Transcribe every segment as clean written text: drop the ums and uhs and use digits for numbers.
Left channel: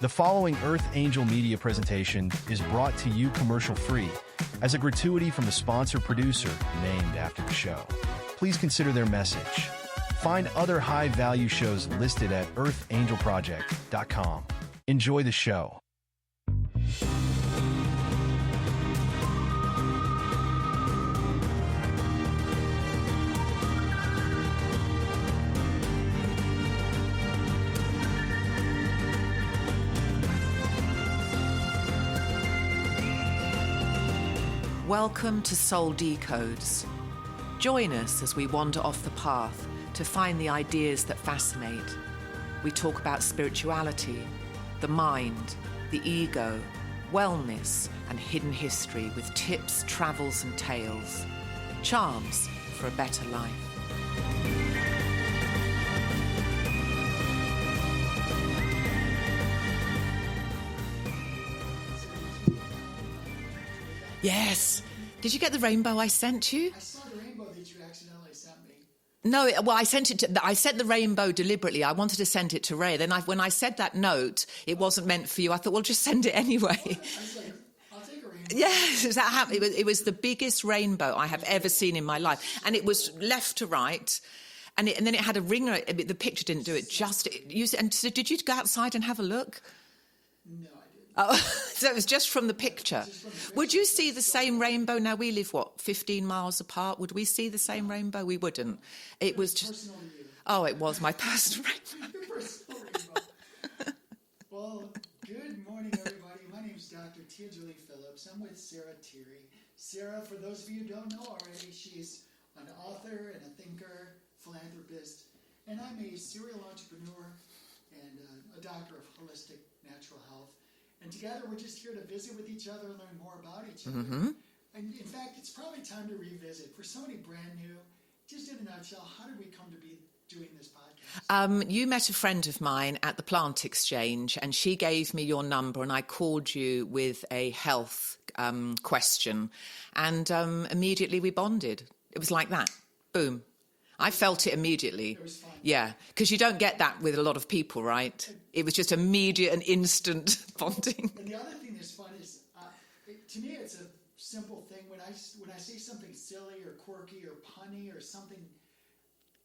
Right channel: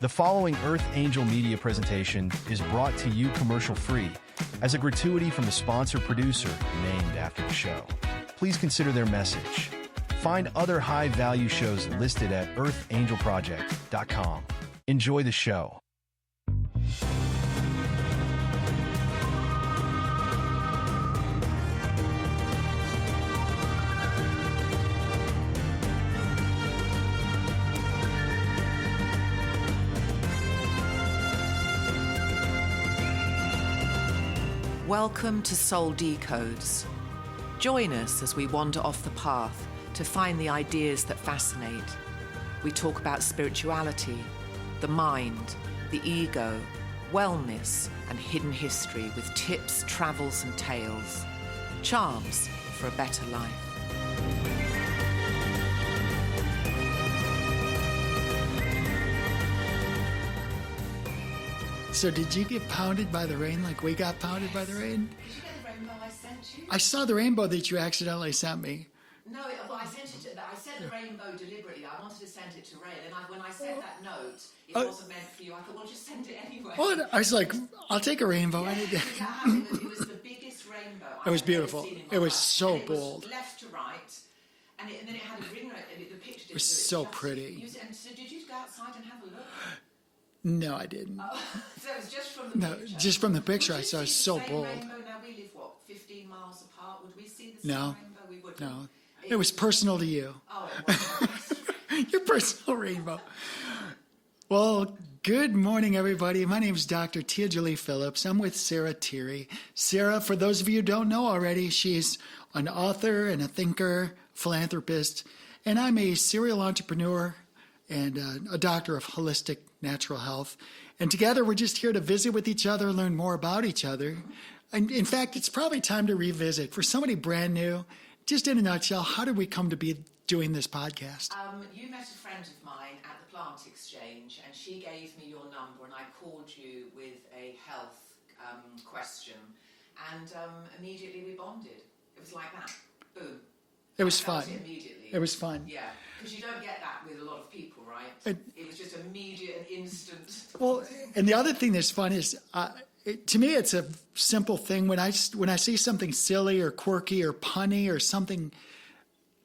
The following Earth Angel Media presentation is brought to you commercial-free as a gratuity from the sponsor producer named after the show. Please consider their message. Find other high-value shows listed at earthangelproject.com. Enjoy the show. Welcome to Soul Decodes. Join us as we wander off the path to find the ideas that fascinate. We talk about spirituality, the mind, the ego, wellness, and hidden history with tips, travels, and tales. Charms for a better life. So did you get pounded by the rain like we got pounded by the rain? Did you get the rainbow I sent you? I saw the rainbow that you accidentally sent me. No, well, I sent the rainbow deliberately. I wanted to send it to Ray. Then when I said that note, it wasn't meant for you. I thought, well, just send it anyway. I was like, I'll take a rainbow. Yeah, that happened. It was the biggest rainbow I have ever seen in my life. So and it was cool. Left to right. And then it had a ringer. The picture didn't do it so justice. pretty. And so did you go outside and have a look? No, I didn't. Oh, so it was just from the picture? No, just from the picture. Would you I saw see the so same bold. rainbow? Now, we live, 15 miles apart? Would we see the same No. rainbow? We wouldn't. No. It was personal to you. Oh, it was my personal rainbow. Your personal rainbow. Well, good morning, everybody. My name is Dr. Tia Jolie Phillips. I'm with Sarah Tirri. Sarah, for those of you who don't know already, she's an author and a thinker, philanthropist, and I'm a serial entrepreneur and a doctor of holistic natural health. And together, we're just here to visit with each other, learn more about each other. Mm-hmm. And in fact, it's probably time to revisit. For somebody brand new, just in a nutshell, how did we come to be doing this podcast? You met a friend of mine at the plant exchange, and she gave me your number, and I called you with a health question. And immediately we bonded. It was like that. Boom. I felt it immediately. It was fun. Yeah, because you don't get that with a lot of people, right? It was just immediate and instant bonding. And the other thing that's fun is, to me, it's a simple thing. When I see something silly or quirky or punny or something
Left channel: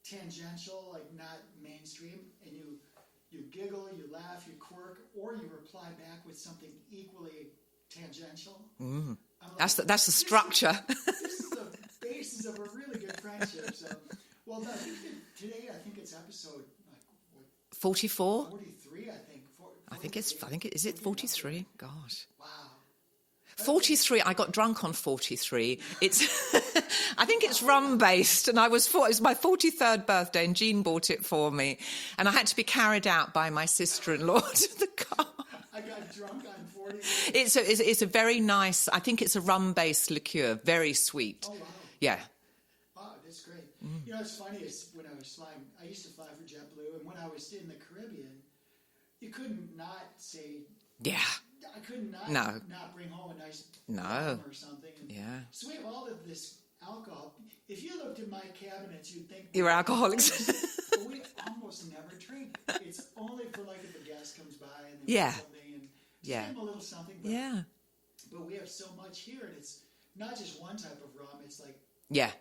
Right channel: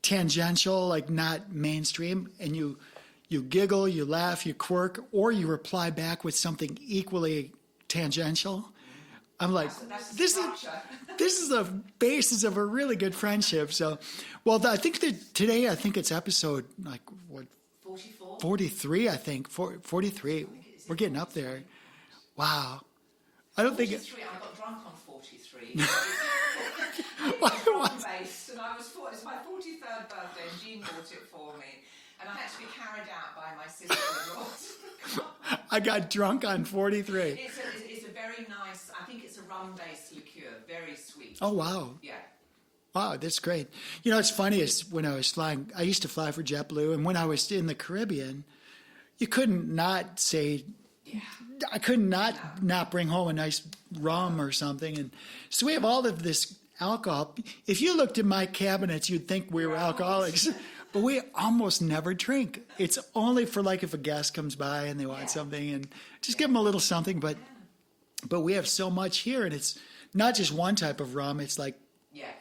tangential, like not mainstream, and you giggle, you laugh, you quirk, or you reply back with something equally tangential. I'm like, that's the structure. This is the basis of a really good friendship. So, well, I think that today, it's episode 44? 43, I think. 43. I think is it We're getting 43? up there. Gosh. Wow. 43. I got drunk on 43. It's, I think it's rum based, and it was my 43rd birthday, and Jean bought it for me, and I had to be carried out by my sister-in-law to the car. I got drunk on 43. It's a very nice. I think it's a rum based liqueur, very sweet. Oh wow. Yeah. Wow, that's great. You know, what's funny is when I was flying, I used to fly for JetBlue, and when I was in the Caribbean, you couldn't not say. Yeah. I couldn't not bring home a nice rum or something. And so we have all of this alcohol. If you looked at my cabinets, you'd think we were alcoholics. But we almost never drink. It's only for if a guest comes by and they want something, and just give them a little something. But we have so much here, and it's not just one type of rum. It's like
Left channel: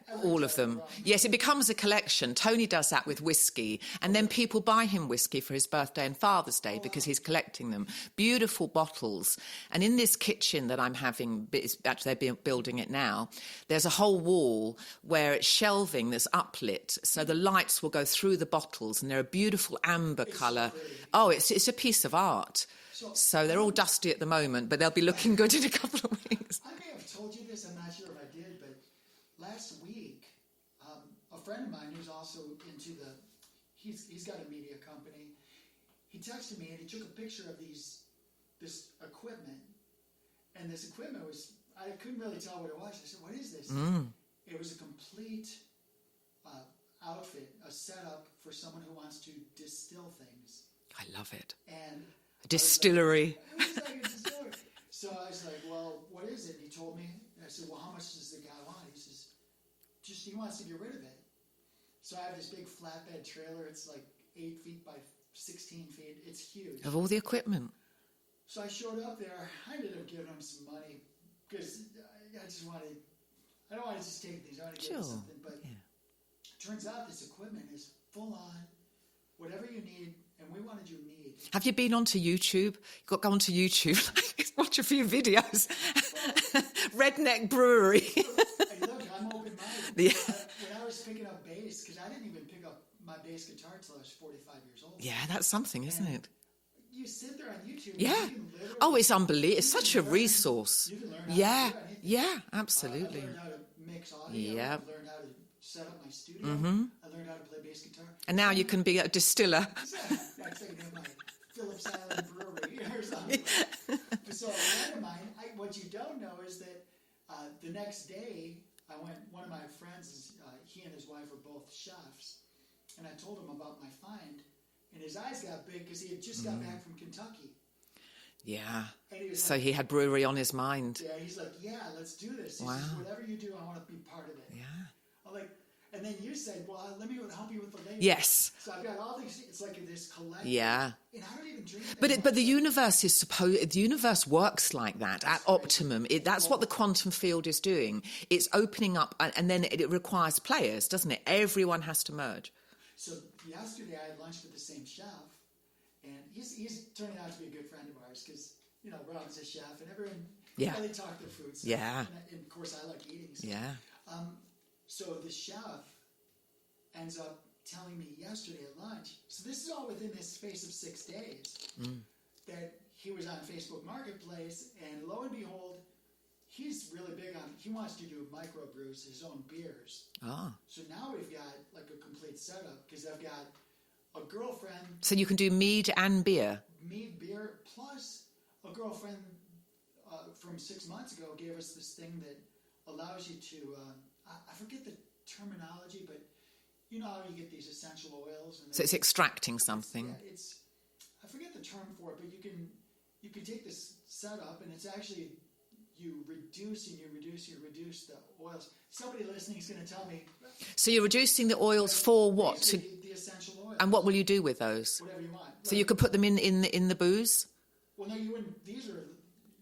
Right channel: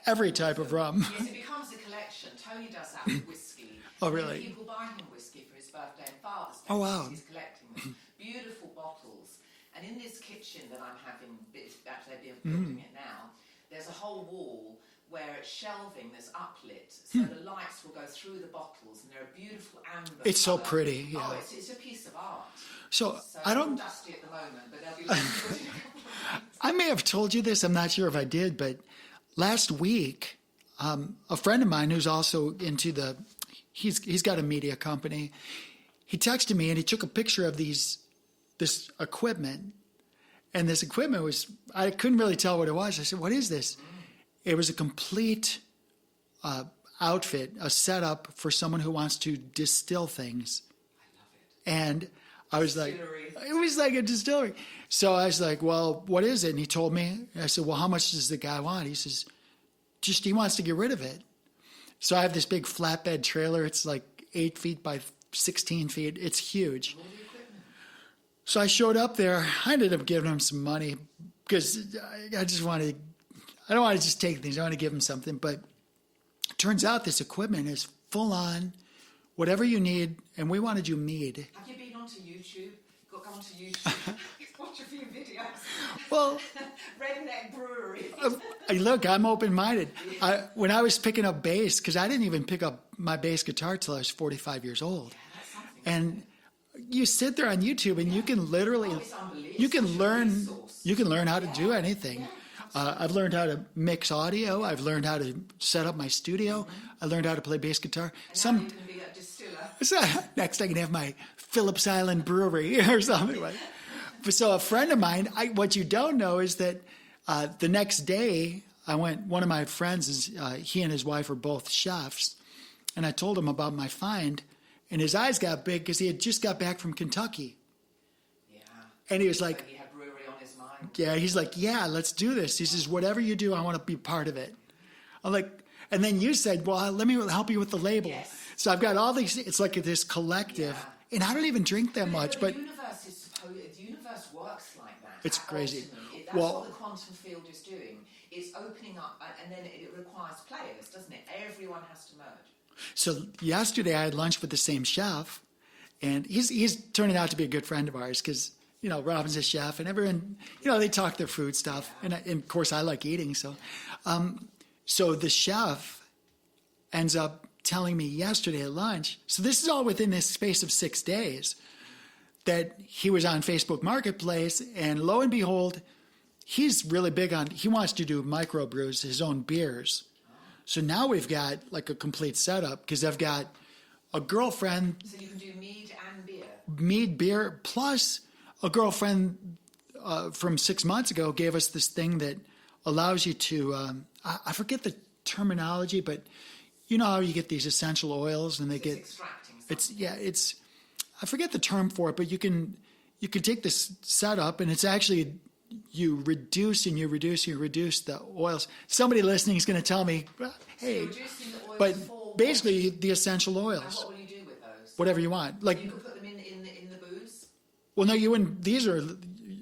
every type of rum. Yes, it becomes a collection. Tony does that with whiskey. And then people buy him whiskey for his birthday and Father's Day because he's collecting them. Beautiful bottles. And in this kitchen that I'm having, actually they're building it now, there's a whole wall where it's shelving that's uplit. So the lights will go through the bottles, and they're a beautiful amber It's colour. so pretty. Oh, it's a piece of art. So they're all dusty at the moment, but they'll be looking good in a couple of weeks. I may have told you this. I'm not sure if I did, but last week, a friend of mine who's also into he's got a media company. He texted me and he took a picture of this equipment, and this equipment I couldn't really tell what it was. I said, "What is this?" It was a complete outfit, a setup for someone who wants to distill things. I love it. And distillery. It was like a distillery. So I was like, well, what is it? And he told me. I said, well, how much does the guy want? He says, he wants to get rid of it. So I have this big flatbed trailer. It's like 8 feet by 16 feet. It's huge. Of all the equipment. So I showed up there. I ended up giving him some money because I just wanted, I don't want to just take things. I want to give him something. But it turns out this equipment is full on, whatever you need. And we wanted you mead. Have you been onto YouTube? Go onto YouTube. Watch a few videos. Well, Redneck Brewery. Look, I'm open-minded. When I was picking up bass, because I didn't even pick up my bass guitar till I was 45 years old. Yeah, that's something, isn't it? You sit there on YouTube and you can literally... Oh, it's unbelievable. It's such a resource. You can learn how to do anything. Yeah, absolutely. I've learned how to mix audio. Yeah. I've learned how to set up my studio. I learned how to play bass guitar. And now you can be a distiller. Next I can have my Phillips Island brewery or something. So a friend of mine, what you don't know is that the next day I went, one of my friends, he and his wife are both chefs, and I told him about my find. And his eyes got big because he had just got back from Kentucky. Yeah. And he was like... So he had brewery on his mind. Yeah, he's like, yeah, let's do this. He says, whatever you do, I want to be part of it. Yeah. I'm like... And then you said, well, let me help you with the label. Yes. So I've got all these... It's like this collective. Yeah. And I don't even drink that much. But the universe is the universe works like that at crazy. optimum. That's what the quantum field is doing. It's opening up, and then it requires players, doesn't it? Everyone has to merge. So yesterday I had lunch with the same chef, and he's turning out to be a good friend of ours because, you know, Robin's a chef, and everyone, you know, they talk their food stuff. Yeah. And of course I like eating. So, so the chef ends up telling me yesterday at lunch, so this is all within this space of 6 days, that he was on Facebook Marketplace, and lo and behold, he's really big on, he wants to do microbrews, his own beers. Oh. So now we've got like a complete setup because I've got a girlfriend. So you can do mead and beer. Mead, beer, plus a girlfriend from 6 months ago gave us this thing that allows you to, I forget the terminology, but you know how you get these essential oils and it's extracting something. I forget the term for it, but you can take this setup and it's actually... You reduce the oils. Somebody listening is going to tell me. Hey, so you're reducing the oils for what? Basically, the essential oils. And what will you do with those? Whatever you want. Like, so you could put them in the booze? Well, no, you wouldn't. These are,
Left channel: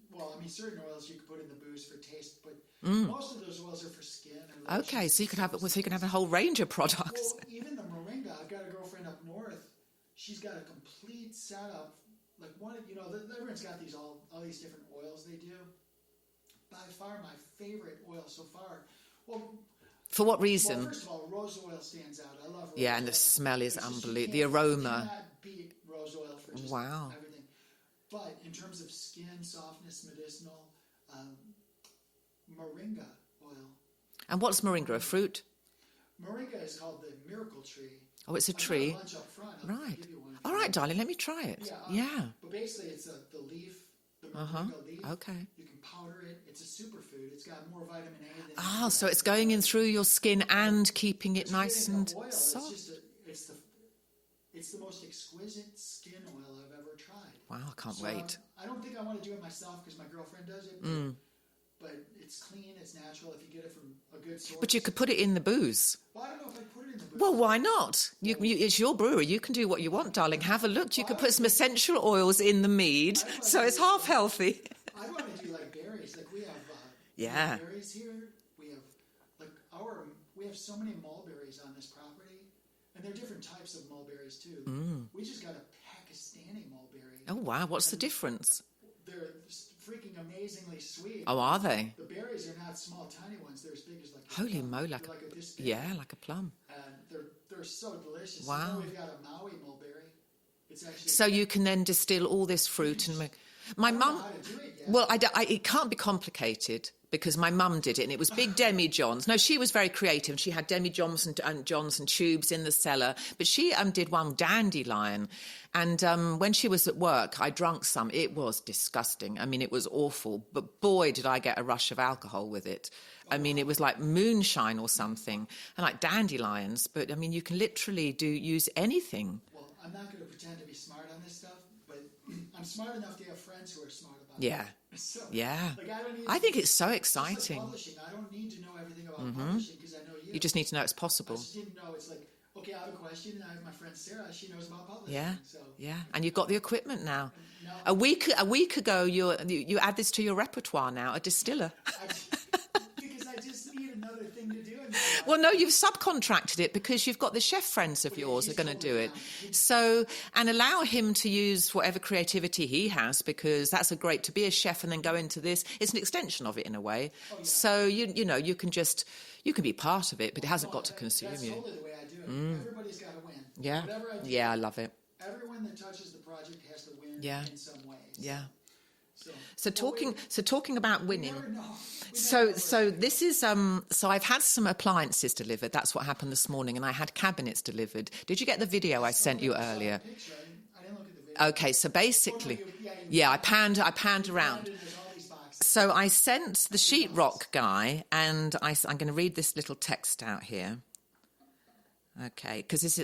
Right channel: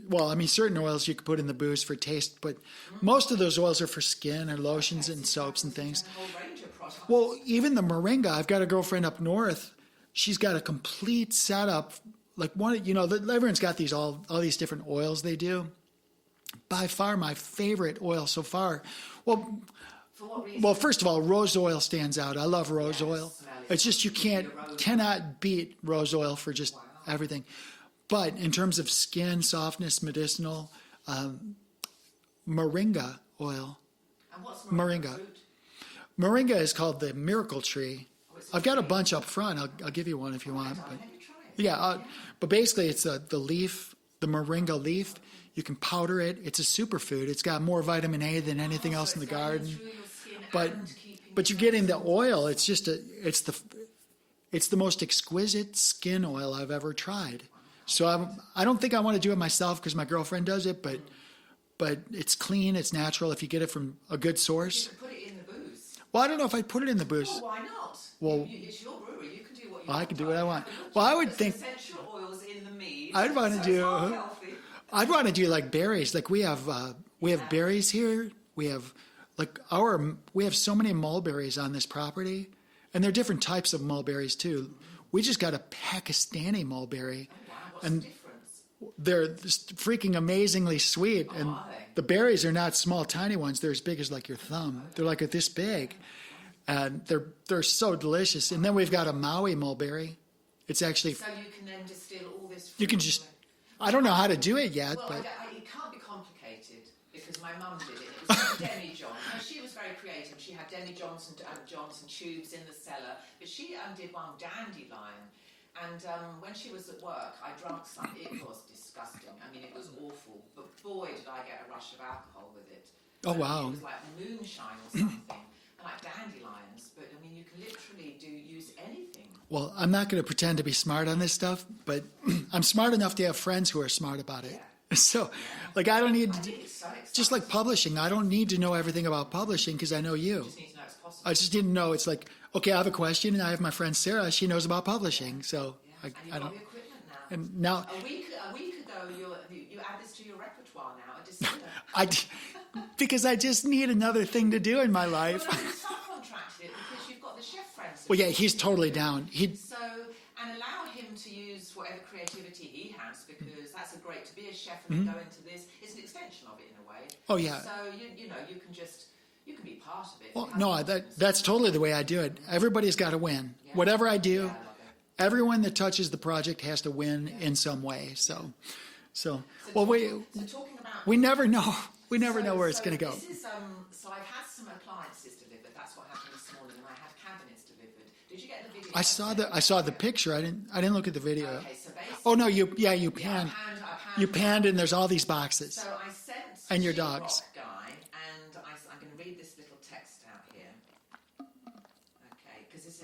well, I mean, certain oils you could put in the booze for taste, but most of those oils are for skin and lotions and soaps and things. So you can have a whole range of products. Well, even the moringa. I've got a girlfriend up north. She's got a complete setup. Like one, you know, everyone's got these all these different oils they do. By far my favorite oil so far. Well, for what reason? Well, first of all, rose oil stands out. I love rose oil. The smell is it's just you cannot beat rose oil for just everything. But in terms of skin, softness, medicinal, moringa oil. And what's moringa? Fruit? Moringa is called the miracle tree. Oh, it's a I've tree? got a bunch up front. I'll give you one if you want. All right, darling, let me try it. Yeah. But basically, it's the leaf. The moringa leaf, okay. You can powder it. It's a superfood. It's got more vitamin A than anything else. So it's going in through your skin and keeping it nice. But you're getting the oil. It's just it's the most exquisite skin oil I've ever tried. Wow, I can't wait. I don't think I want to do it myself because my girlfriend does it, but it's clean, it's natural if you get it from a good source. But you could put it in the booze. Well, I don't know if I'd put it in the booze. Well, why not? Well, it's your brewery. You can do what you want, darling. Have a look. You Well, can put some essential oils in the mead, so it's half healthy. I'd want to do like berries. Like we have berries here. We have so many mulberries on this property. And there are different types of mulberries too. We just got a Pakistani mulberry. Oh wow, what's the difference? They're just freaking amazingly sweet. Oh, are they? The berries are not small, tiny ones. They're as big as like your thumb. They're like this big. Yeah, like a plum. And they're so delicious. Wow. And then we've got a Maui mulberry. It's actually... So you can then distill all this fruit. You can just... I don't know how to do it yet. Well, it can't be complicated because my mum did it and it was big demi-johns. No, she was very creative. She had demi-johns and johns and tubes in the cellar. But she did one dandelion. And when she was at work, I drank some. It was disgusting. I mean, it was awful. But boy, did I get a rush of alcohol with it. I mean, it was like moonshine or something. And like dandelions. But, I mean, you can literally use anything. Well, I'm not going to pretend to be smart on this stuff, but I'm smart enough to have friends who are smart about it. Yeah. So, yeah. Like, I don't need... I think it's so exciting. Just like publishing. I don't need to know everything about publishing because I know you. You just need to know it's possible. I just need to know it's like, okay, I have a question, and I have my friend Sarah. She knows about publishing, so and you've got the equipment now. And now, a week ago, you add this to your repertoire now, a distiller. Because I just need another thing to do in my life. Well, no, you've subcontracted it because you've got the chef friends of yours. He's totally down. And allow him to use whatever creativity he has, because that's great to be a chef and then go into this. It's an extension of it in a way. Oh yeah. So you know you can be part of it, but it hasn't got to consume that's totally the way I do it. Everybody's got to win. Yeah. Whatever I do. Yeah, I love it. Everyone that touches the project has to win in some way. So talking about we never know. We never know where it's going to go. This is so I've had some appliances delivered. That's what happened this morning, and I had cabinets delivered. Did you get the video I sent you earlier? I saw the picture. I didn't look at the video. Okay, so basically, I panned you around. Panned, and there's all these boxes. So I sent the sheetrock guy, and I'm going to read this little text out here. Okay, because this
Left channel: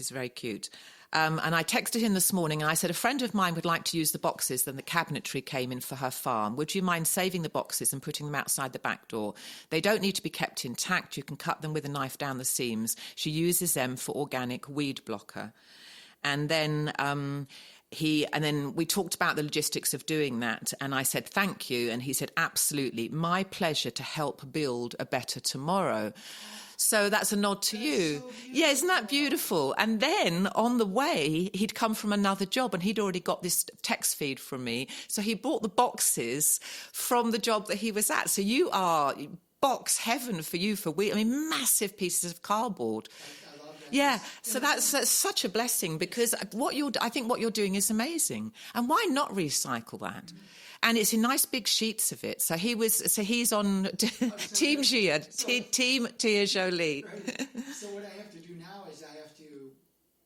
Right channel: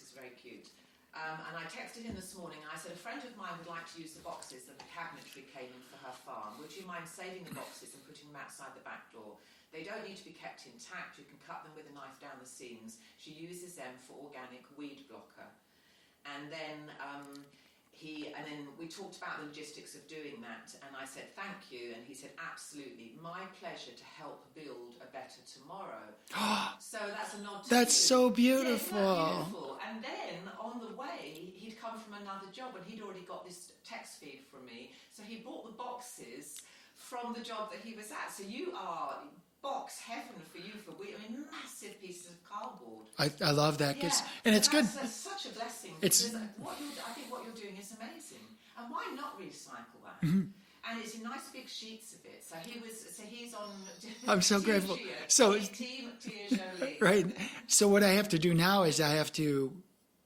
is very cute. And I texted him this morning and I said, a friend of mine would like to use the boxes that the cabinetry came in for her farm. Would you mind saving the boxes and putting them outside the back door? They don't need to be kept intact. You can cut them with a knife down the seams. She uses them for organic weed blocker. And then we talked about the logistics of doing that, and I said, thank you. And he said, absolutely, my pleasure to help build a better tomorrow. So that's a nod to you. That's so beautiful. Yeah, isn't that beautiful? And then on the way, he'd come from another job and he'd already got this text feed from me. So he bought the boxes from the job that he was at. So you are box heaven for you for weed. I mean, massive pieces of cardboard. I love that. Yeah, and so that's such a blessing, because I think what you're doing is amazing. And why not recycle that? And it's in nice big sheets of it. So he's on Team Tia Jolie. Right. So what I have to do now is I have to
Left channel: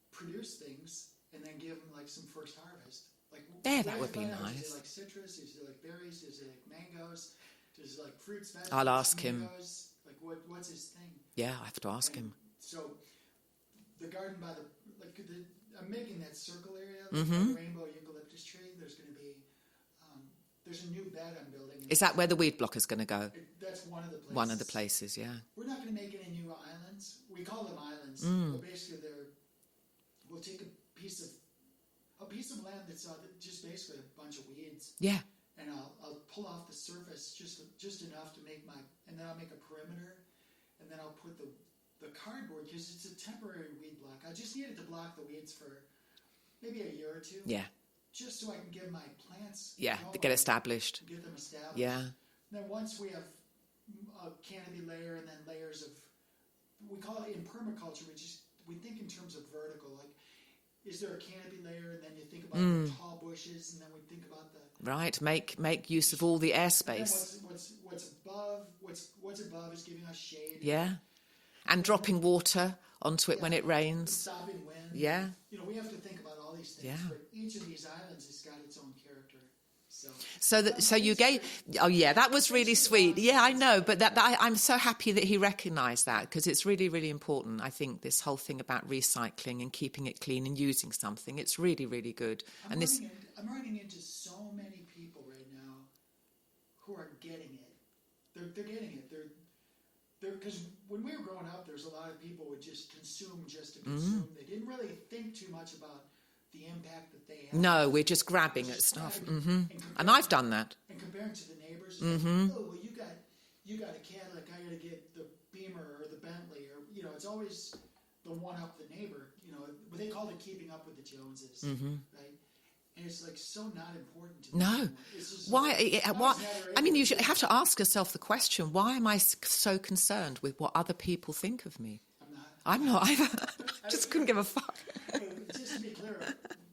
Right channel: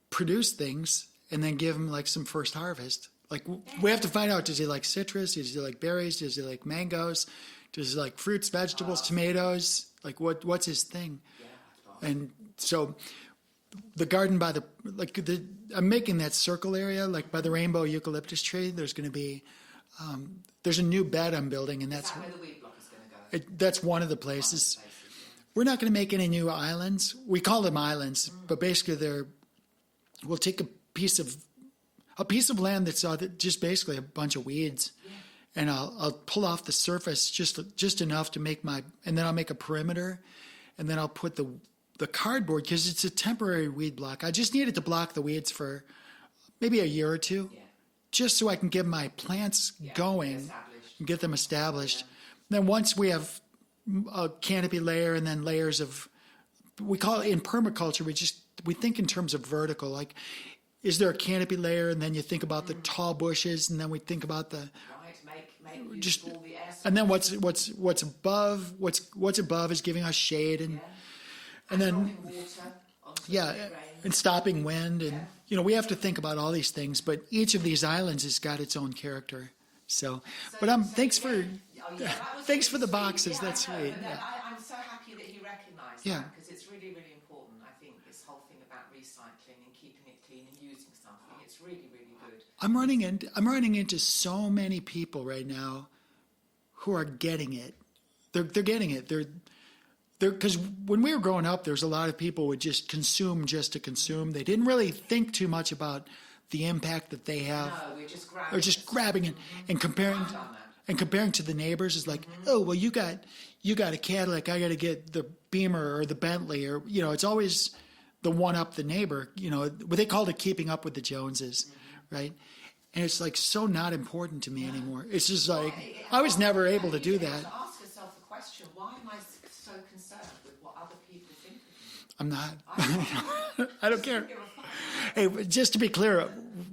produce things and then give him like some first harvest. Like we have to find out, does he like citrus? Does he like berries? Does he like mangoes? Does he like fruits, vegetables, tomatoes? Like what's his thing? Yeah, I have to ask him. So the garden I'm making that circle area, like by the rainbow eucalyptus tree. There's going to be, there's a new bed I'm building. And is that where the weed block is going to go? That's one of the places. One of the places, yeah. We're not going to make any new islands. We call them islands, but basically we'll take a piece of land that's just basically a bunch of weeds. Yeah. And I'll pull off the surface just enough to make and then I'll make a perimeter, and then I'll put the cardboard, because it's a temporary weed block. I just need it to block the weeds for maybe a year or two. Yeah. Just so I can get my plants going. Get established. Get them established. Yeah. Then once we have a canopy layer and then layers of, we call it in permaculture, we think in terms of vertical, like, is there a canopy layer, and then you think about the tall bushes, and then we think about the make use of all the airspace. And then what's above? What's above is giving us shade. And then, dropping water onto it when it rains, and stopping wind. Yeah, and, we have to think about all these things. But each of these islands has got its own character. So you gave. That was really sweet. Boxes, yeah, I know, sweet. But I'm so happy that he recognised that, because it's really, really important. I think this whole thing about recycling and keeping it clean and using something, it's really, really good. I'm running into so many people right now who are getting it. They're getting it. They're because when we were growing up, there's a lot of people who would just consume just to consume. They didn't really think too much about the impact that they have. No, we're just grabbing. And comparing. And I've done that. And comparing to the neighbors is like, oh well, you got a Cadillac, I got to get the Beamer or the Bentley, or it's always the one up the neighbor. What they called it keeping up with the Joneses, right? And it's like so not important to me anymore. It's just like I was never able to do that. You have to ask yourself the question: why am I so concerned with what other people think of me? I'm not. I don't care. Give a fuck. Hey, just to be clear,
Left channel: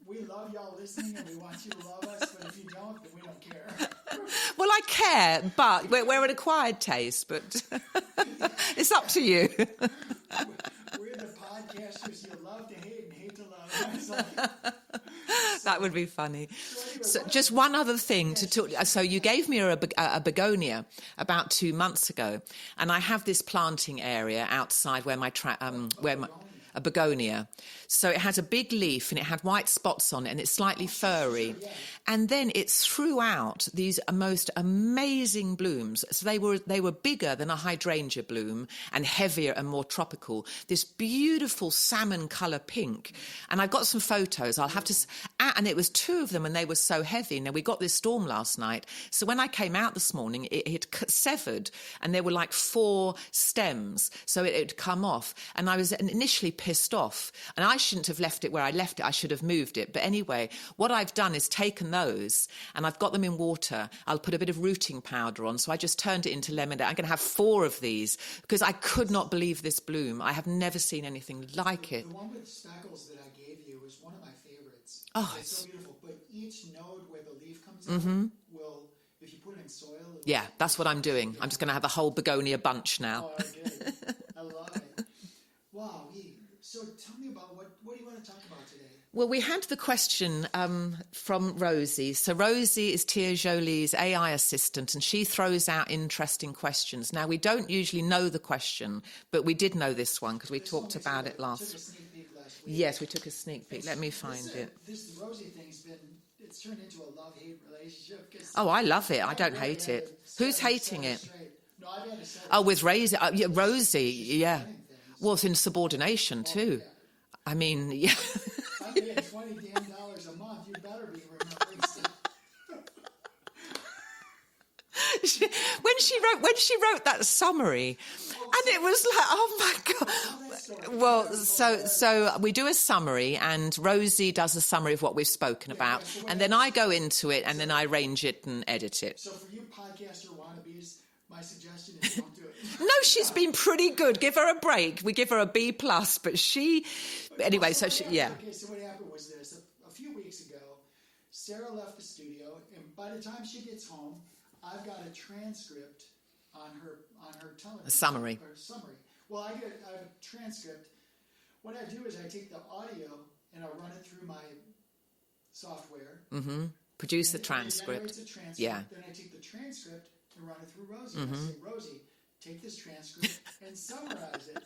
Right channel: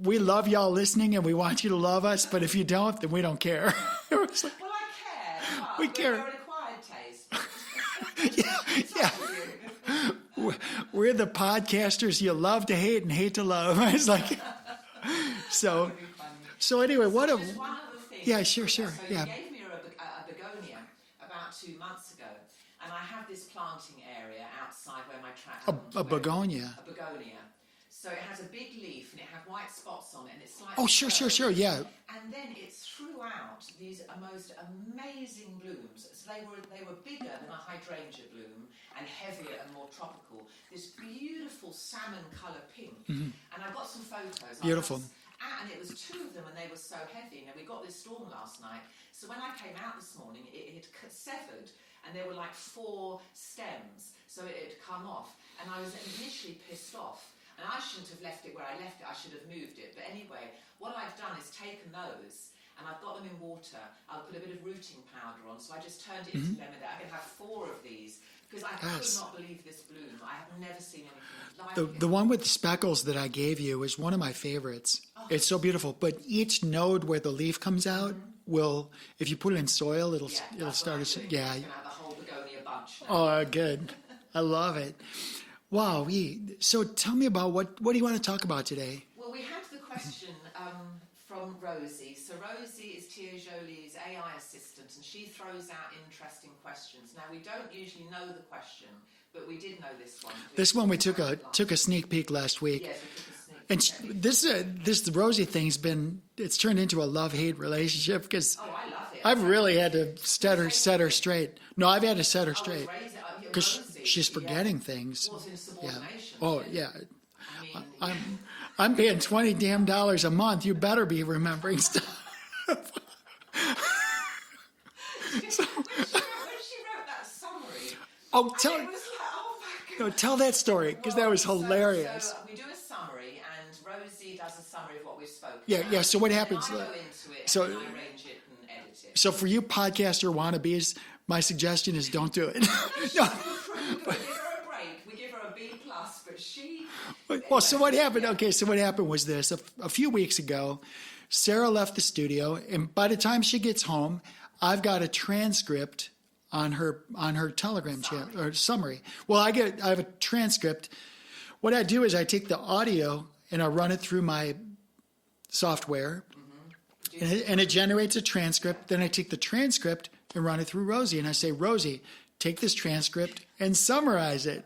we love y'all listening, and we want you to love us. But if you don't, then we don't care. Well, I care, but we're an acquired taste. But it's up to you. We're the podcasters you love to hate and hate to love. It's like. That would be funny. So anyway, just one other thing. Yeah, sure. So you gave me a begonia about 2 months ago, and I have this planting area outside where my begonia. A begonia. So it has a big leaf and it had white spots on it, and it's slightly furry. Sure, yeah. And then it threw out these most amazing blooms. So they were bigger than a hydrangea bloom and heavier and more tropical. This beautiful salmon colour pink. And I've got some photos. I'll have to. And it was 2 of them, and they were so heavy. Now we got this storm last night, so when I came out this morning, it had severed, and there were like 4 stems, so it had come off. And I was initially pissed off, and I shouldn't have left it where I left it. I should have moved it. But anyway, what I've done is taken those, and I've got them in water. I'll put a bit of rooting powder on, so I just turned it into lemonade. I'm going to have 4 of these because I could not believe this bloom. I have never seen anything like it. The one with the speckles that I gave you is one of my favorites. Oh, it's so beautiful. But each node where the leaf comes out will, if you put it in soil, it'll. Yeah, that's what I'm doing. I'm just going to have a whole begonia bunch now. Oh, good. I love it. Wow. So tell me about what do you want to talk about today? Well, we had the question from Rosie. So Rosie is Tia Jolie's AI assistant, and she throws out interesting questions. Now, we don't usually know the question, but we did know this one because we took a sneak peek last week. Yes, we took a sneak peek. Let me find it. This Rosie thing's it's turned into a love-hate relationship because I love it. I've really had to set her straight. No, I've had to set her straight. Oh, with Rosie. She's forgetting things. Well, it's in subordination too. Yeah. I mean, I'm paying $20 damn a month. You better be remembering stuff. when she wrote that summary, it was like, oh my God. Tell that story, because that was hilarious. So we do a summary, and Rosie does a summary of what we've spoken about. Yeah, so what happens, then I go into it, and then I arrange it and edit it. So for you podcaster wannabes, my suggestion is don't do it. No, she's been pretty good. Give her a break. We give her a B+, but she... Anyway, what happened? Yeah. Okay, so what happened was this. A few weeks ago, Sarah left the studio, and by the time she gets home, I've got a transcript on her Telegram summary. Well, I have a transcript. What I do is I take the audio and I run it through my software, and it generates a transcript. Yeah. Then I take the transcript and run it through Rosie, and I say, Rosie, take this transcript and summarize it.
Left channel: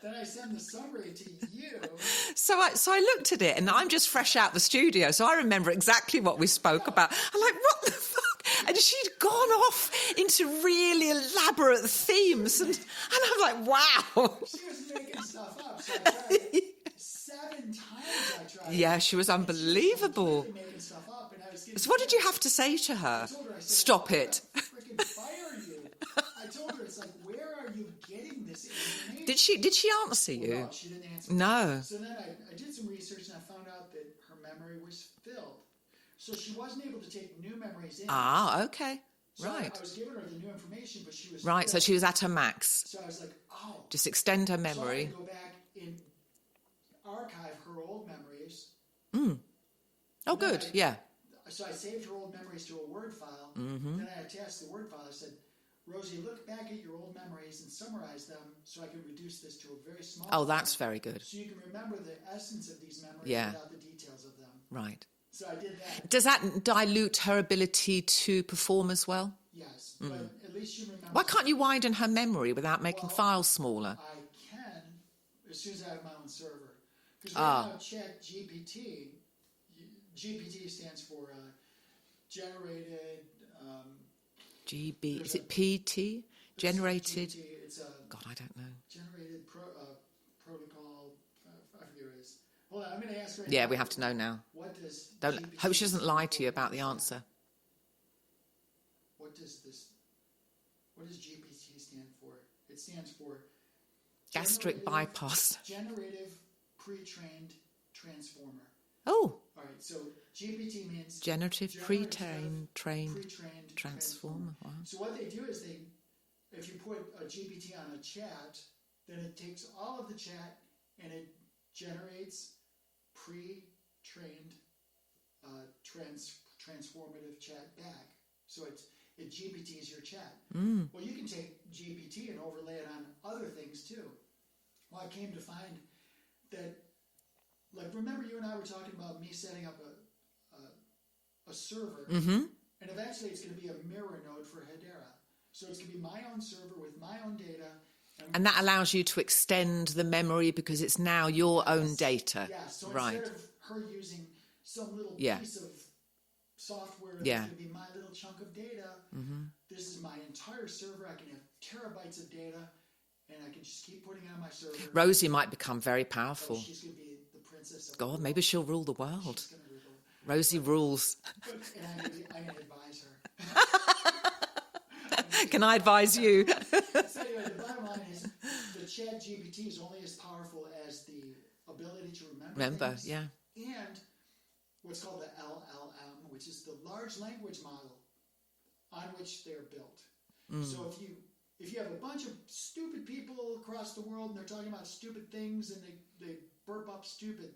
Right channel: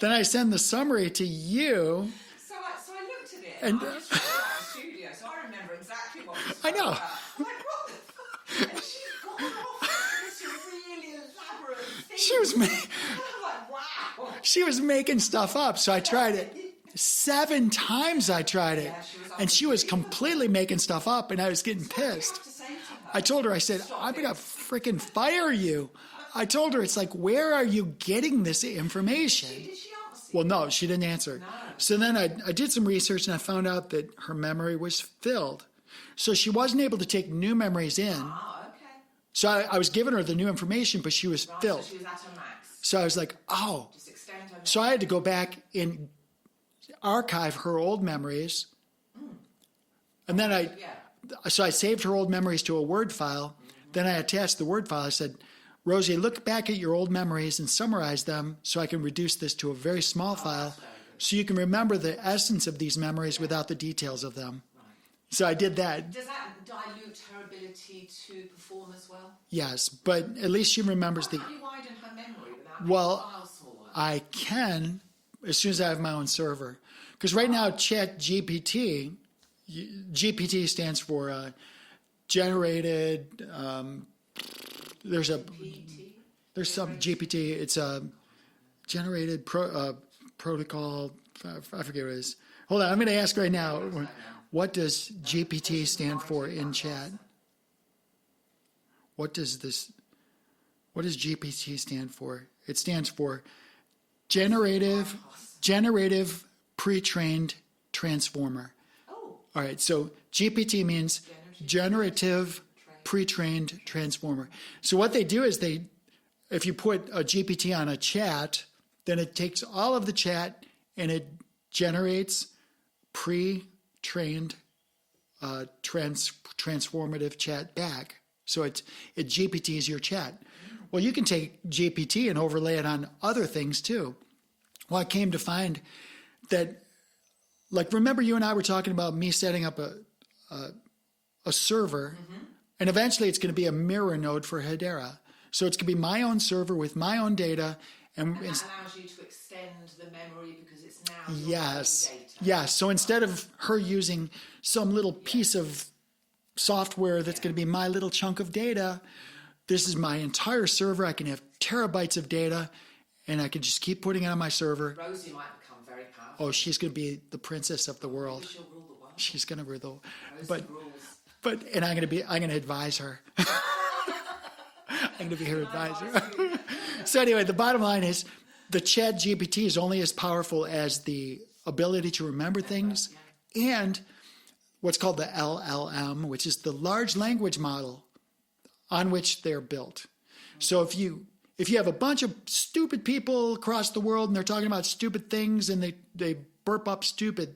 Then I send the summary to you. So I looked at it, and I'm just fresh out the studio, so I remember exactly what we spoke about. I'm like, what the fuck? And she'd gone off into really elaborate themes. And I'm like, wow. She was making stuff up. So I tried it. 7 times I tried it. Yeah, she was unbelievable. And she was completely making stuff up, and I was getting pissed. What did you have to say to her? I told her, I said, I'm going to freaking fire you. I told her, it's like, where are you getting this information? Did she answer you? Well, no, she didn't answer. No. So then I did some research, and I found out that her memory was filled. So she wasn't able to take new memories in. Ah, okay. So I was giving her the new information, but she was filled. So she was at her max. So I was like, just extend her memory. So I had to go back and archive her old memories. And then so I saved her old memories to a Word file. Then I attached the Word file. I said, Rosie, look back at your old memories and summarize them so I can reduce this to a very small file. Oh, that's very good. So you can remember the essence of these memories without the details of them. Right. So I did that. Does that dilute her ability to perform as well? Yes, but at least she remembers. Why can't you widen her memory without making files smaller? I can, as soon as I have my own server. Because right now, GPT stands for generated. There's a PT. There's some GPT. It's a. God, I don't know. Generated protocol. I forget what it is. Hold on, I'm going to ask right now. Yeah, we have to know now. What does GPT stand for in chat? Answer. What does GPT stand for? It stands for generative pre-trained transformer. Oh. All right, so GPT means generative pre-trained transformer. So what they do is if you put a GPT on a chat, then it takes all of the chat and it generates pre-trained transformative chat back. So it GPT is your chat. Well, you can take GPT and overlay it on other things too. Well, I came to find that like, remember you and I were talking about me setting up a server, and eventually it's going to be a mirror node for Hedera. So it's going to be my own server with my own data. And that allows you to extend the memory because it's now your own data. Yes. So instead of her using some little piece of software that's going to be my little chunk of data, this is my entire server. I can have terabytes of data, and I can just keep putting it on my server. Rosie might become very powerful. Oh, she's going to be the princess of the world. Maybe she'll rule the world. She's going to rule the world. Rosie rules. And I'm going to advise her. Can I advise you? So anyway, the bottom line is the Chat GPT is only as powerful as the ability to remember things. Yeah. And what's called the LLM, which is the large language model on which they're built. So if you have a bunch of stupid people across the world and they're talking about stupid things and they burp up stupid,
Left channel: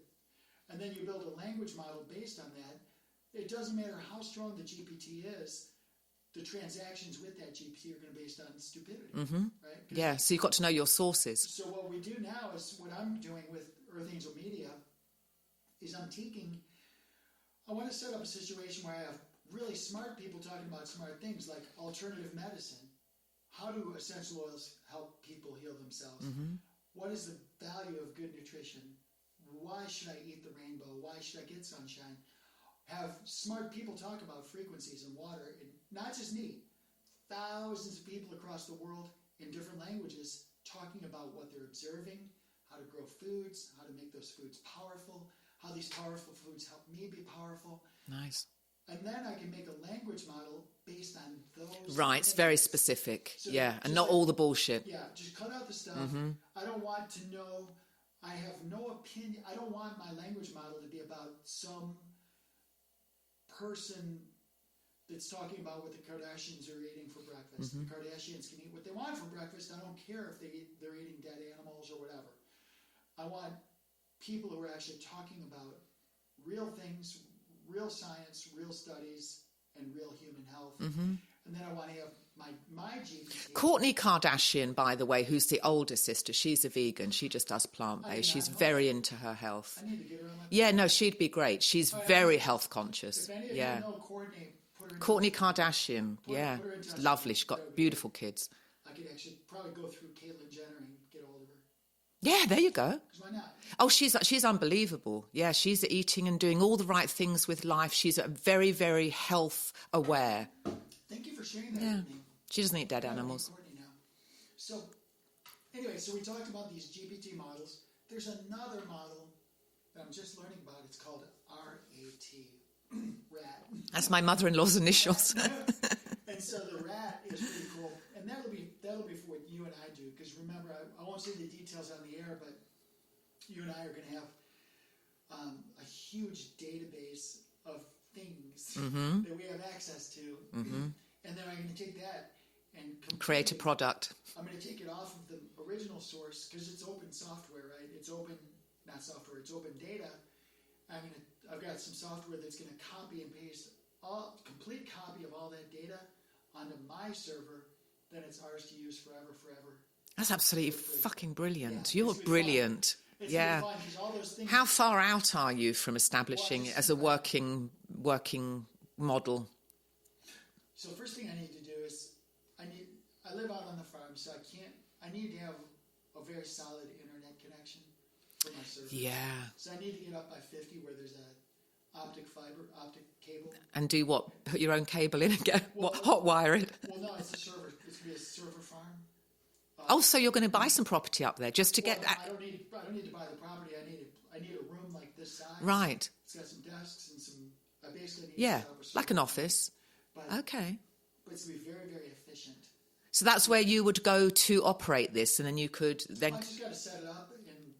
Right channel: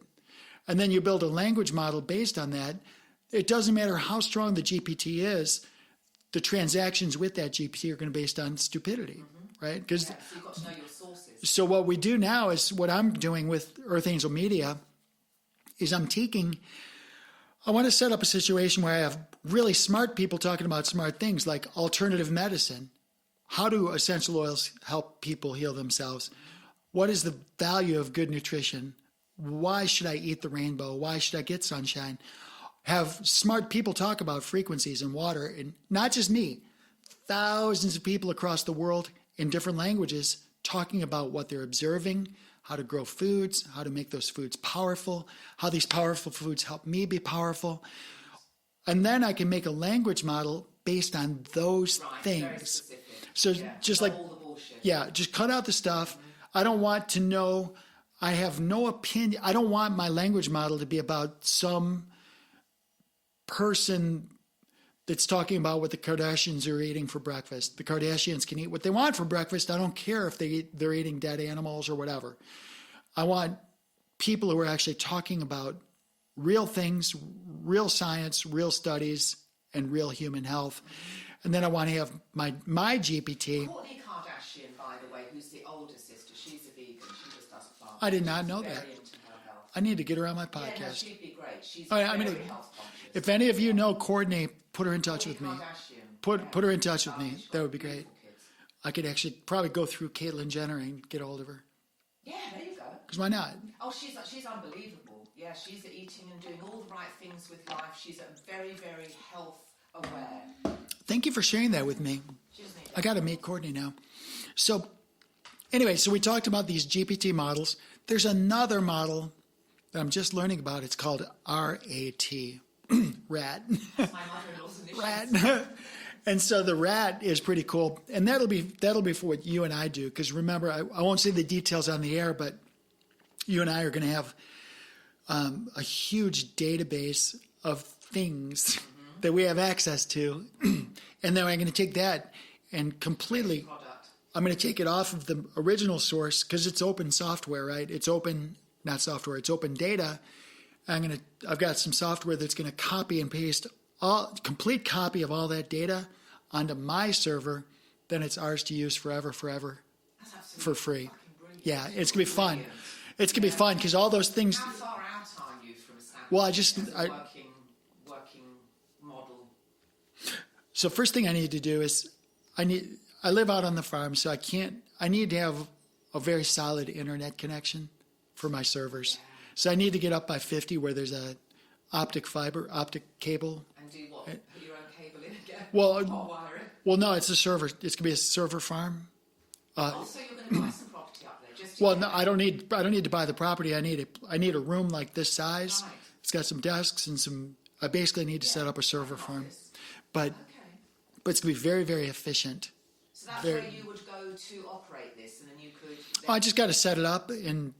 and then you build a language model based on that, it doesn't matter how strong the GPT is, the transactions with that GPT are going to be based on stupidity, right? So you've got to know your sources. So what we do now is what I'm doing with Earth Angel Media is I want to set up a situation where I have really smart people talking about smart things like alternative medicine. How do essential oils help people heal themselves? What is the value of good nutrition? Why should I eat the rainbow? Why should I get sunshine? Have smart people talk about frequencies and water, and not just me, thousands of people across the world in different languages talking about what they're observing, how to grow foods, how to make those foods powerful, how these powerful foods help me be powerful. Nice. And then I can make a language model based on those things. It's very specific. So just not all the bullshit. Yeah, just cut out the stuff. I don't want to know, I have no opinion. I don't want my language model to be about some person that's talking about what the Kardashians are eating for breakfast. The Kardashians can eat what they want for breakfast. I don't care if they're eating dead animals or whatever. I want people who are actually talking about real things, real science, real studies, and real human health. And then I want to have my GPT. Kourtney Kardashian, by the way, who's the older sister, she's a vegan. She just does plant-based. I did not She's know very that. into her health. I need to get her on my podcast. Yeah, no, she'd be great. She's very health conscious. If any of you know Kourtney, put her in touch with Kourtney me. Kardashian. Put her in touch Lovely. with me. She's got beautiful kids. I could actually probably go through Caitlyn Jenner and get a hold of her. Yeah, there you go. Because why not? Oh, she's unbelievable. Yeah, she's eating and doing all the right things with life. She's very, very health aware. Thank you for sharing that with me. She doesn't eat dead I got to animals. meet Kourtney now. So anyway, so we talked about these GPT models. There's another model that I'm just learning about. It's called RAT, RAT. That's my mother-in-law's initials. And so the RAT is pretty cool. And that'll be for what you and I do. Because remember, I won't say the details on the air, but you and I are going to have a huge database of things that we have access to. And then I'm going to take that and completely create a product. I'm going to take it off of the original source because it's open software, right? It's open, not software, it's open data. I've got some software that's going to copy and paste complete copy of all that data onto my server. Then it's ours to use forever. That's absolutely for free. Fucking brilliant. Yeah, You're it's going to be brilliant. fun. It's going to be fun because all those things. How far out are you from establishing as a working model? So first thing I need to do is I live out on the farm, so I need to have a very solid internet connection for my servers. Yeah. So I need to get up by 50 where there's a optic cable. And do what? Put your own cable in and go hot wire it? Well, no, it's a server. It's going to be a server farm. So you're going to buy some property up there just to Well, get... no, I don't need to buy the property. I need a room like this size. Right. It's got some desks and some... I basically need to set up a server like an farm. office. But it's going to be very, very efficient. So that's where you would go to operate this, and then you could... I just got to set it up and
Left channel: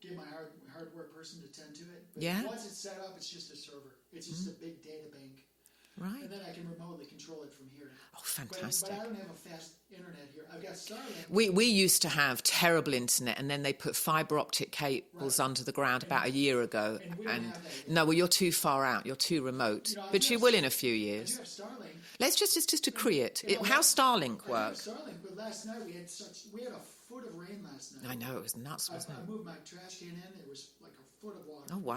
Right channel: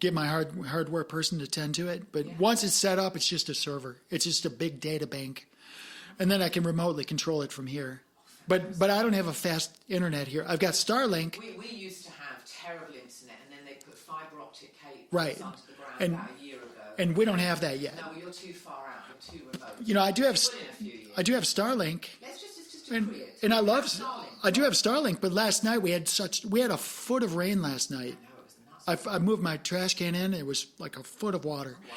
get my hardware person to tend to it. But once it's set up, it's just a server. It's just a big data bank. Right. And then I can remotely control it from here. Oh, But I don't have a fast internet here. I've got Starlink. We used to have terrible internet, and then they put fibre optic cables under the ground about a year ago. And we don't have that yet. No, well, you're too far out. You're too remote. But you will in a few years. I do have Starlink. Let's just agree it. And I love Starlink. I do have Starlink, but last night we had a foot of rain last night. I know, it was nuts. I moved my trash can in. It was like a foot of water. Oh, wow.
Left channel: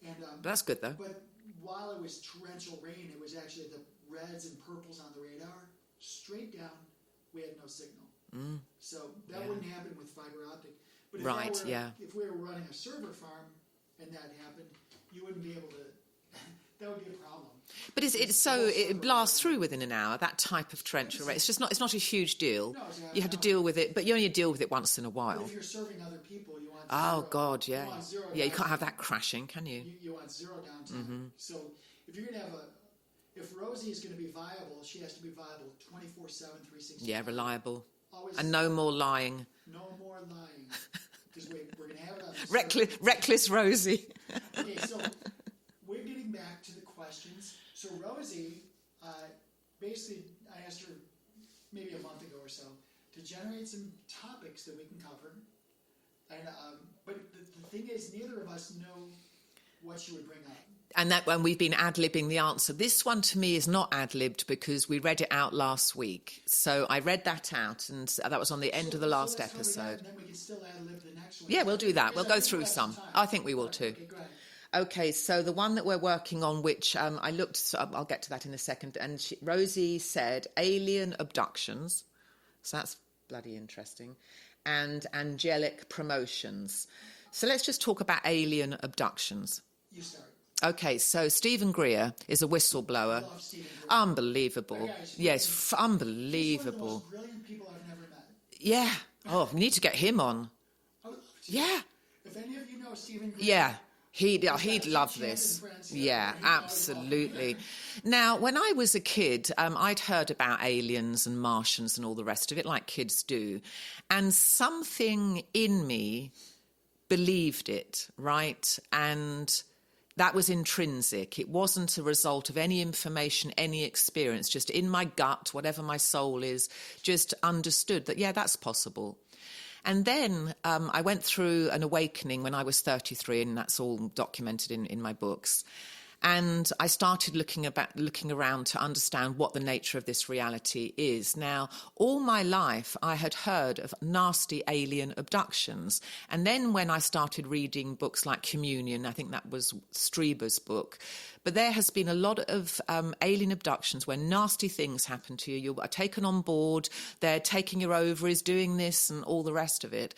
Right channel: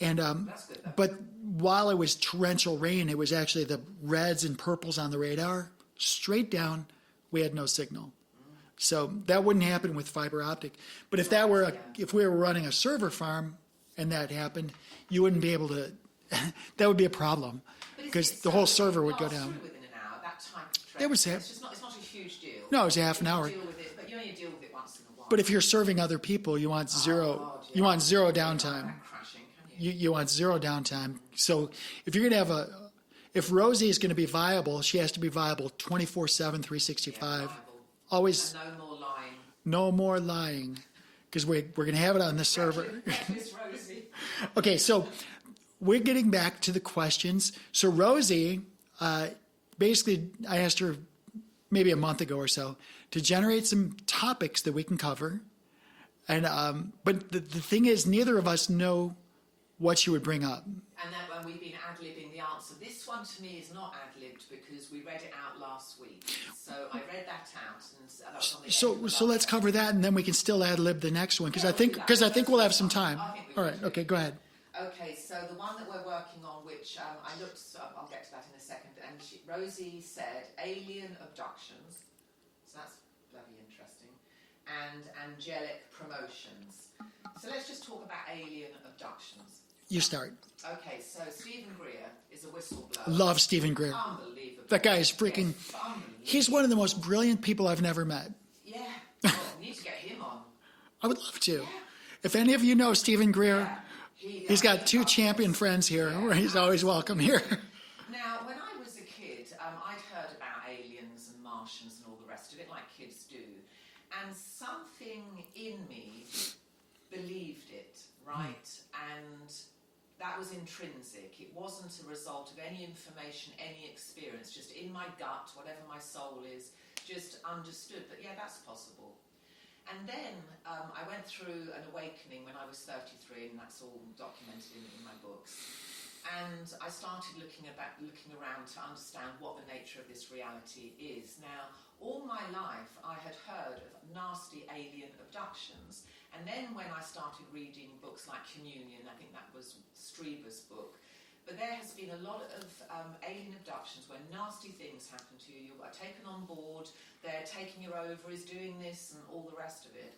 And that's good, though. But while it was torrential rain, it was actually the reds and purples on the radar. Straight down, we had no signal. So that wouldn't happen with fiber optic. But if if we were running a server farm and that happened, you wouldn't be able to. That would be a problem. But it's the whole server it would go blasts down. Through within an hour. That type of treachery. It's not a huge deal. No, it's half an hour. You have to deal with it, but you only deal with it once in a while. But if you're serving other people, you want zero. Oh God, yeah. You want zero downtime. You can't have that crashing, can you? You want zero downtime. So if you're going to have if Rosie is going to be viable, she has to be viable 24/7, 365. Yeah, reliable. Always. And no more lying. No more lying, because we're going to have it on this server. Reckless Rosie. Okay, so we're getting back to the questions. So Rosie, basically, I asked her maybe a month ago or so to generate some topics that we can cover. And but the thing is, neither of us know what she would bring up. And we've been ad-libbing the answer. This one to me is not ad-libbed because we read it out last week. So I read that out, and that was on the end of the last So let's cover episode. that, and then we can still ad-lib the next one. Yeah, we'll do that. Because I think we'll have some time. I think we will too. Okay, go ahead. Okay, so the one that we're working on, which I looked, so I'll get to that in a second, and Rosie said alien abductions, so that's bloody interesting, and angelic promotions. So let's just talk about alien abductions. You start. Okay, so Stephen Greer is a whistleblower. Love Stephen Greer. Unbelievable. That guy is freaking... unbelievable. He's one of the most brilliant people I've never met. Yeah. Oh, we need to get him on. I would love to. Yeah. If any of you know Stephen Greer... Yeah. He's got two champion friends here. Yeah, he's always welcome here. Now, when I was a kid, I'd heard about aliens and Martians and all the rest of it, like kids do. And something in me believed it, right? And that was intrinsic. It wasn't a result of any information, any experience, just in my gut, whatever my soul is, just understood that, yeah, that's possible. And then I went through an awakening when I was 33, and that's all documented in my books. And I started looking around to understand what the nature of this reality is. Now, all my life, I had heard of nasty alien abductions. And then when I started reading books like Communion, I think that was Strieber's book, but there has been a lot of alien abductions where nasty things happen to you. You are taken on board, they're taking your ovaries, doing this and all the rest of it.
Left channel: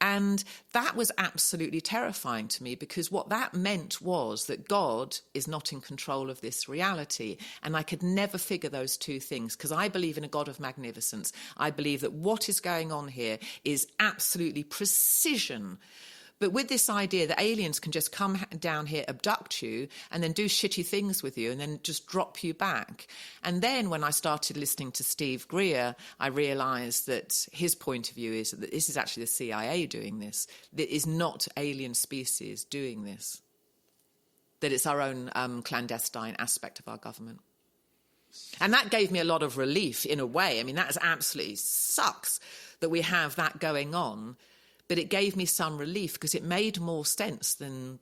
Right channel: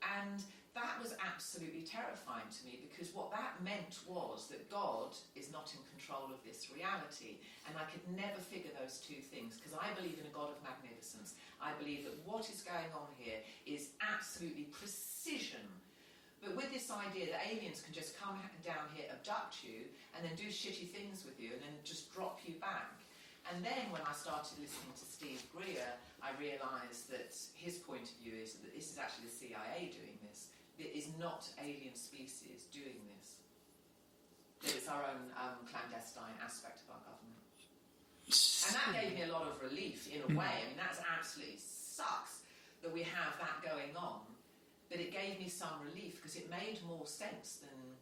And that was absolutely terrifying to me, because what that meant was that God is not in control of this reality. And I could never figure those two things, because I believe in a God of magnificence. I believe that what is going on here is absolutely precision. But with this idea that aliens can just come down here, abduct you, and then do shitty things with you, and then just drop you back. And then when I started listening to Steve Greer, I realised that his point of view is that this is actually the CIA doing this. That is not alien species doing this. That it's our own clandestine aspect of our government. And that gave me a lot of relief in a way. I mean, that absolutely sucks that we have that going on. But it gave me some relief, because it made more sense than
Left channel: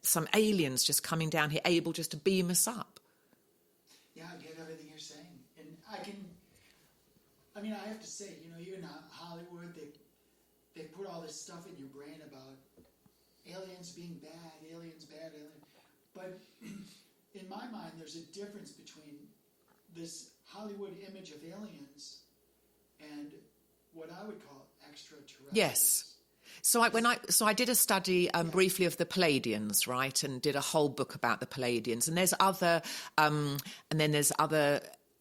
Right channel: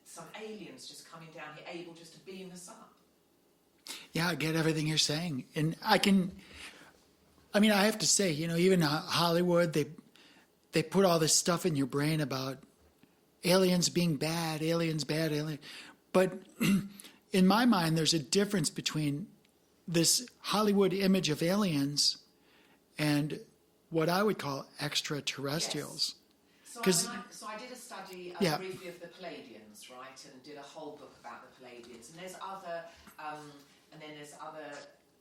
some aliens just coming down here, able just to beam us up. Yeah, I get everything you're saying. And I have to say, even Hollywood, they put all this stuff in your brain about aliens being bad, aliens bad, alien. But in my mind, there's a difference between this Hollywood image of aliens and what I would call extraterrestrials. Yes. So I did a study briefly of the Palladians, right, and did a whole book about the Palladians. And there's other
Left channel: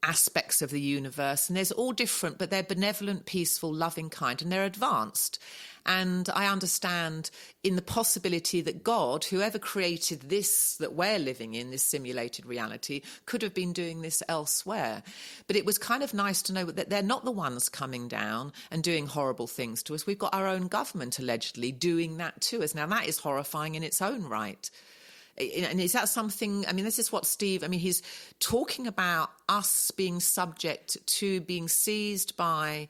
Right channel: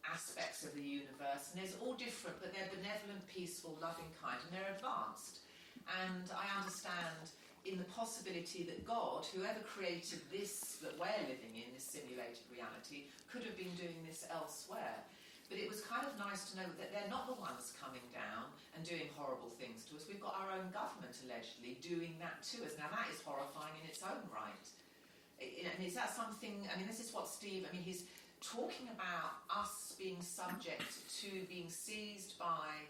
aspects of the universe, and there's all different, but they're benevolent, peaceful, loving kind, and they're advanced. And I understand in the possibility that God, whoever created this that we're living in, this simulated reality, could have been doing this elsewhere. But it was kind of nice to know that they're not the ones coming down and doing horrible things to us. We've got our own government allegedly doing that to us. Now, that is horrifying in its own right. And is that something, I mean, this is what Steve, I mean, he's talking about us being subject to being seized by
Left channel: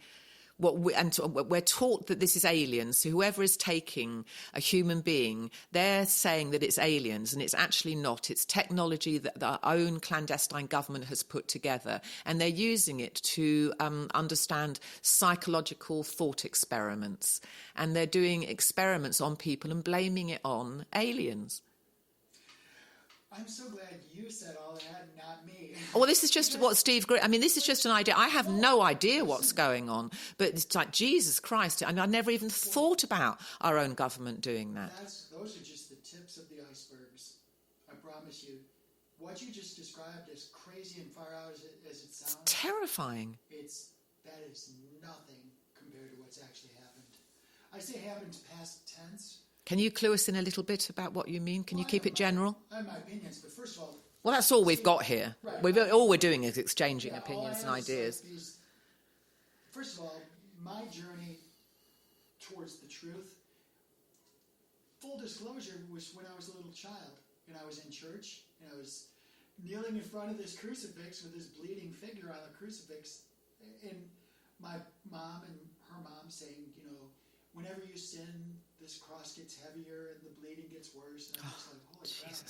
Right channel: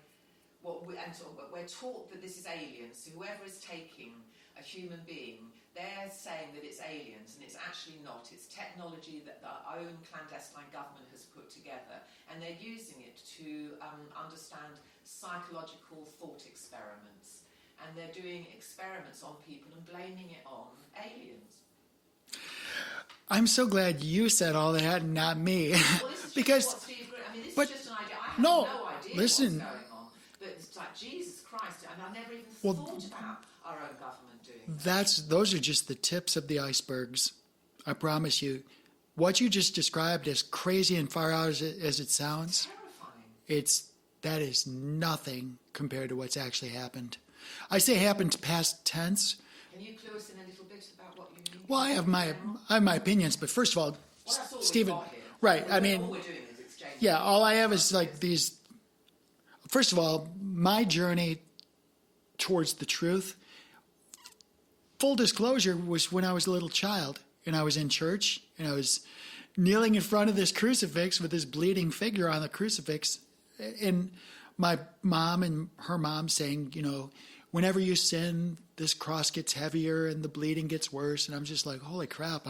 we're taught that this is aliens. So whoever is taking a human being, they're saying that it's aliens, and it's actually not. It's technology that our own clandestine government has put together, and they're using it to understand psychological thought experiments. And they're doing experiments on people and blaming it on aliens. I'm so glad you said all that and not me. Well, this is just what Steve... I mean, this is just an idea. I have no idea what's going on. But it's like, Jesus Christ. I mean, I never even thought about our own government doing that. Those are just the tips of the icebergs. I promise you. What you just described, as crazy and far out as it sounds... It's terrifying. That is nothing compared to what's actually happened. I say happened past tense... Can you clue us in a little bit about what you mean? Can you keep it general? I have my opinions, but first of all... Well, that's all we've got here. Right. All we're doing is exchanging. Yeah, all I have is like these... First of all, my journey towards the truth, full disclosure, was when I was a little child, and I was in church, and I was kneeling in front of this crucifix with this bleeding figure on the crucifix, and my mom and her mom saying, whenever you sin, this cross gets heavier and the bleeding gets worse. And I'm just like, holy crap,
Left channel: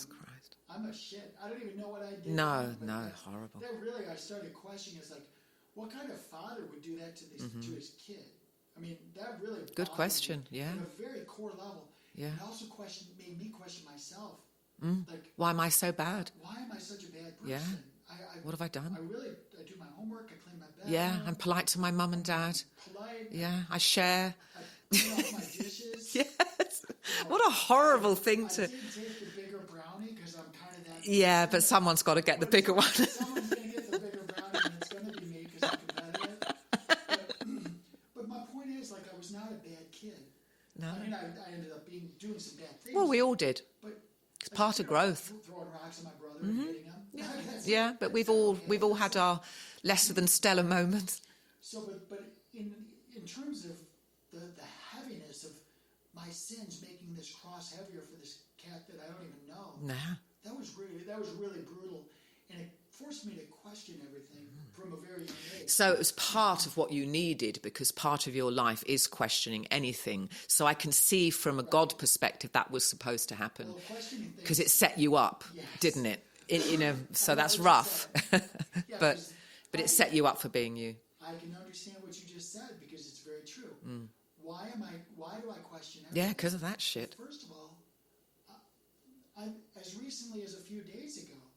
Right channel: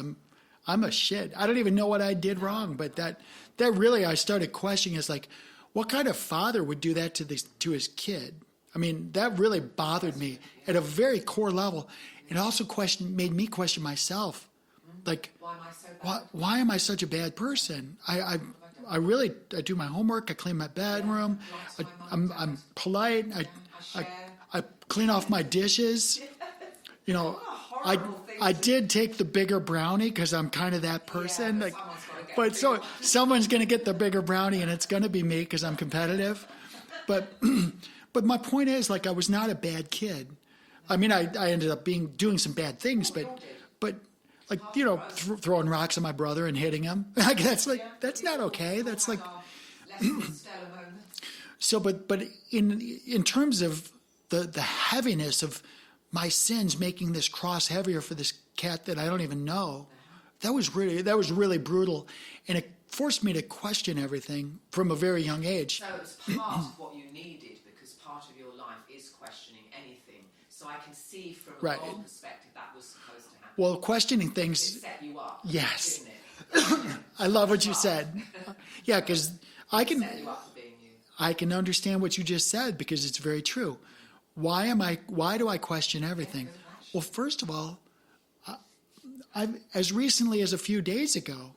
I'm a shit. I don't even know what I did wrong. But that really, I started questioning, is like, what kind of father would do that to his kid? I mean, that really bothered me at a very core level. Yeah. It also made me question myself. Like, why am I so bad? Why am I such a bad person? Yeah. What have I done? I do my homework. I clean my bedroom. Yeah, I'm polite to my mum and dad. I'm polite. Yeah, I share. I clean off my dishes. Yes. What a horrible thing. I did take the bigger brownie because I'm kind of that person. Yeah, but someone's got to get the bigger one. Someone's going to get the bigger brownie, and it's going to be me because I'm competitive. But my point is, like, I was not a bad kid. No. I mean, I ended up doing some bad things. Well, we all did. But throwing rocks at my brother and hitting him. Like, that's we've not all, okay. We've all had our less than stellar moments. So, but in terms of the heaviness of my sins making this cross heavier for this cat that I don't even know, that was really brutal, and it forced me to question everything from a very young age. So it was part of what you needed, because part of your life is questioning anything. So I can see from a God perspective that was supposed to happen. Well, questioning things... Because it set you up, didn't it? So I love what rough. you said. Yeah, because I can set you up for being you. I can understand what you just said, because it's very true. Why do I question everything? Yeah, because of that shit. Well, first of all, as recently as a few days ago,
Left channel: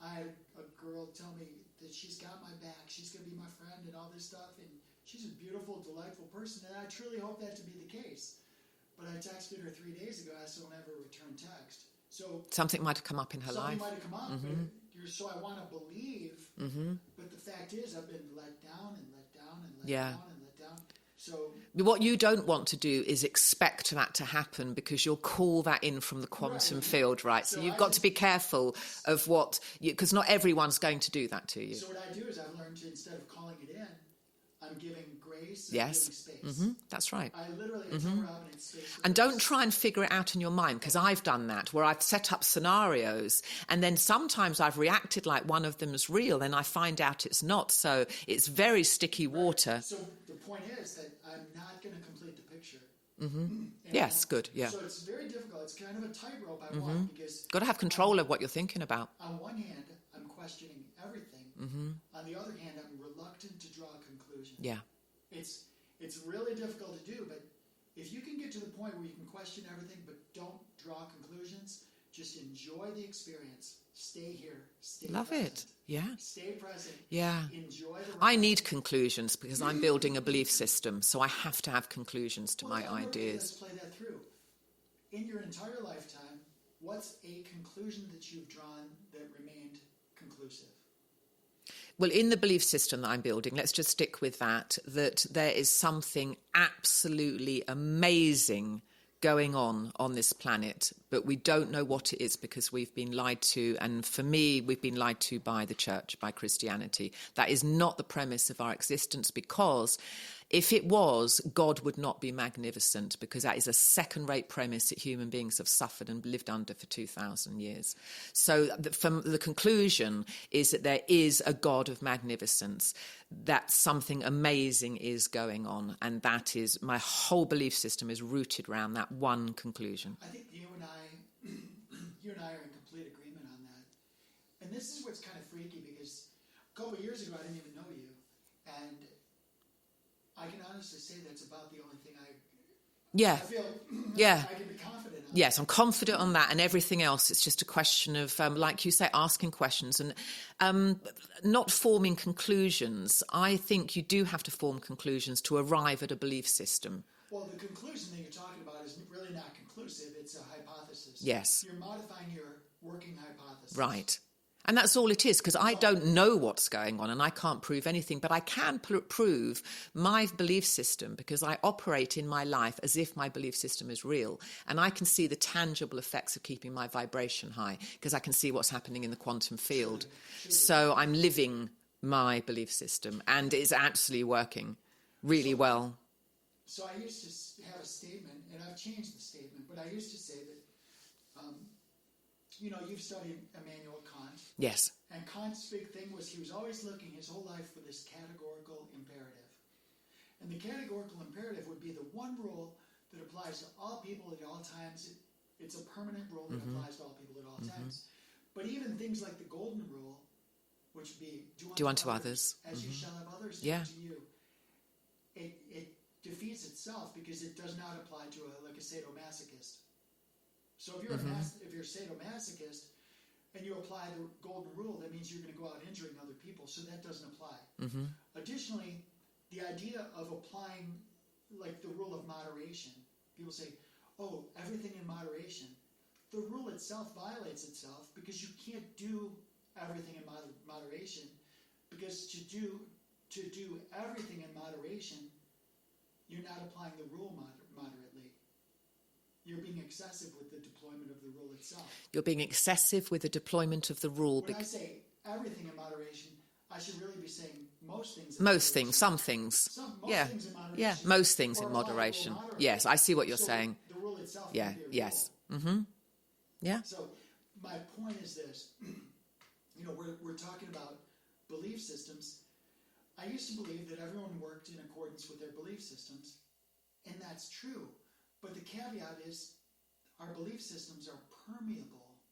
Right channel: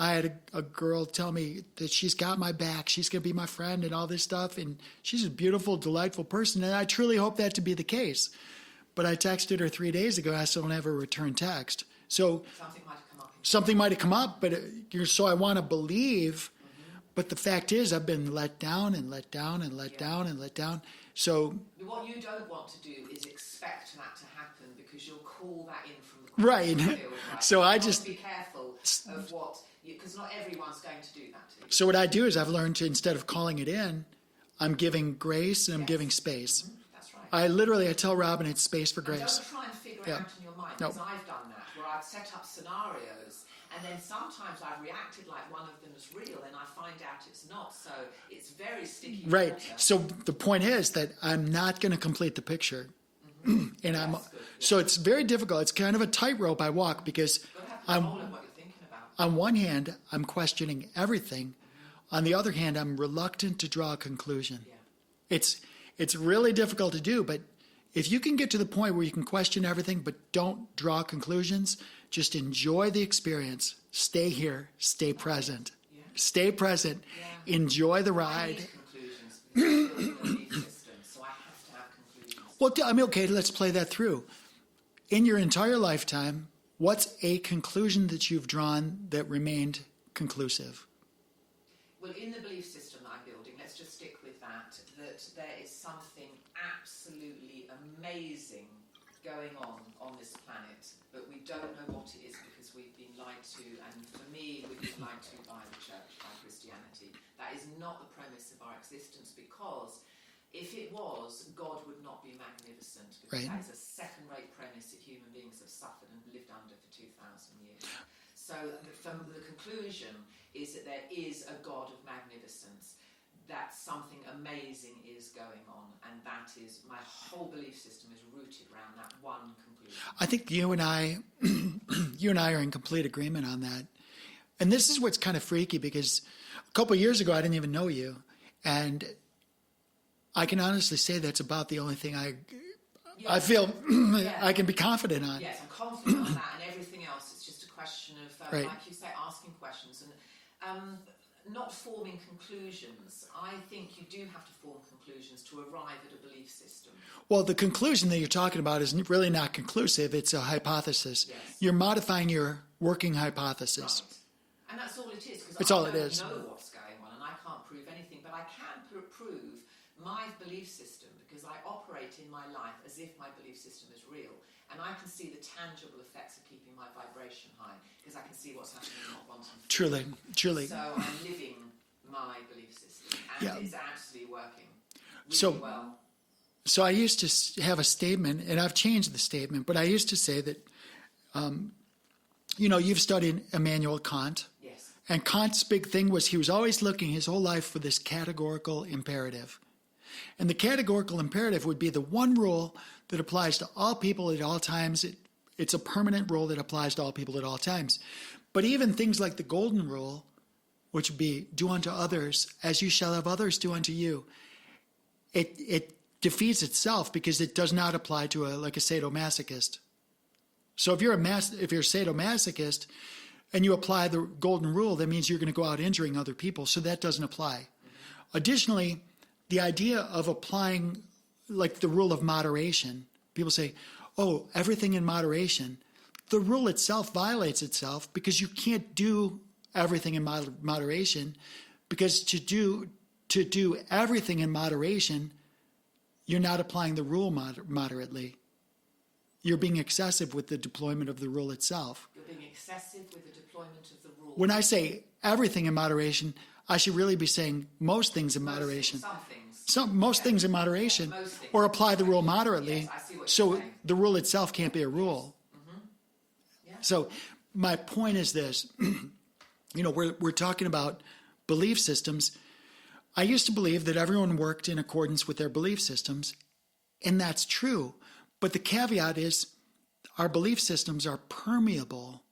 I had a girl tell me that she's got my back, she's going to be my friend and all this stuff, and she's a beautiful, delightful person, and I truly hope that to be the case. But I texted her 3 days ago, I still don't have a return text. So something might have come up in her Something life. might have come up, but so I want to believe, but the fact is I've been let down and let down and let down and let down. So what you don't want to do is expect that to happen, because you'll call that in from the quantum field, right? So you've got to be careful of because not everyone's going to do that to you. So what I do is I've learned to, instead of calling it in, I'm giving grace and I'm giving space. That's right. I tell Robin it's space for grace. And don't try and figure it out in your mind, because I've done that, where I've set up scenarios, and then sometimes I've reacted like one of them is real, and I find out it's not. So it's very sticky water. So the point is that I'm not going to complete the picture. And good. Yeah. So it's very difficult. It's kind of a tightrope I walk, because got to have control of what you're thinking about. On one hand, I'm questioning everything. On the other hand, I'm reluctant to draw a conclusion. Yeah, it's really difficult to do. But if you can get to the point where you can question everything but don't draw conclusions, just enjoy the experience. Stay here. Stay present. Yeah. Stay present. Yeah. Enjoy the ride. I need conclusions, because I'm building a belief system, so I have to have conclusions. Let's play that through. In your entire lifetime, what's a conclusion that you've drawn that remained conclusive? Well, in the belief system that I'm building, let's just stick with that there is something absolutely amazing going on this planet, but we don't know what it is, because we've been lied to. And for me, we've been lied to by the church, by Christianity. That is not the premise of our existence, because If it was, God would not be magnificent, because that is a second-rate premise that human beings have suffered and lived under for 2,000 years. So from the conclusion is that there is a God of magnificence, that something amazing is going on, and that is, my whole belief system is rooted around that one conclusion. I think you and I are in complete agreement on that. And this is what's kind of freaky, because a couple of years ago, I didn't even know you. And I can honestly say that's about the only thing I feel I can be confident on. Yes, I'm confident on that, and everything else, it's just a question of, like you say, asking questions and not forming conclusions. I think you do have to form conclusions to arrive at a belief system. Well, the conclusion that you're talking about is really not conclusive. It's a hypothesis. Yes. You're modifying your working hypothesis. Right. And that's all it is, because I don't know what's going on and I can't prove anything, but I can prove my belief system, because I operate in my life as if my belief system is real. And I can see the tangible effects of keeping my vibration high, because I can see what's happening in the quantum field. Truly. So I'm living my belief system, and it's absolutely working really well. So I used to have a statement, and I've changed the statement, but I used to say that, you've studied Immanuel Kant. Yes. And Kant's big thing was he was always looking his whole life for this categorical imperative. And the categorical imperative would be the one rule that applies to all people at all times. It's a permanent rule that applies to all people at all times. But even things like the golden rule, which would be do unto others as you shall have others do unto you, it defeats itself, because it does not apply to a sadomasochist. So if you're if you're a sadomasochist and you apply the golden rule, that means you're going to go out injuring other people. So that doesn't apply. Additionally, the idea of applying like the rule of moderation, people say, oh, everything in moderation. The rule itself violates itself, because you can't do everything in moderation, because to do everything in moderation, you're not applying the rule moderately. You're being excessive with the deployment of the rule itself. You're being excessive with the deployment of the rule. When I say everything in moderation, I should really be saying most things in moderation. Most things, some things. Most things in moderation. Yeah, most things or in apply moderation. the rule moderately. Yes, I see what you're saying. So the rule itself can't be a rule. Yes. Mm-hmm. Yeah. So my point is this. We're talking about belief systems. I used to believe that everyone worked in accordance with their belief systems, and that's true. But the caveat is our belief systems are permeable.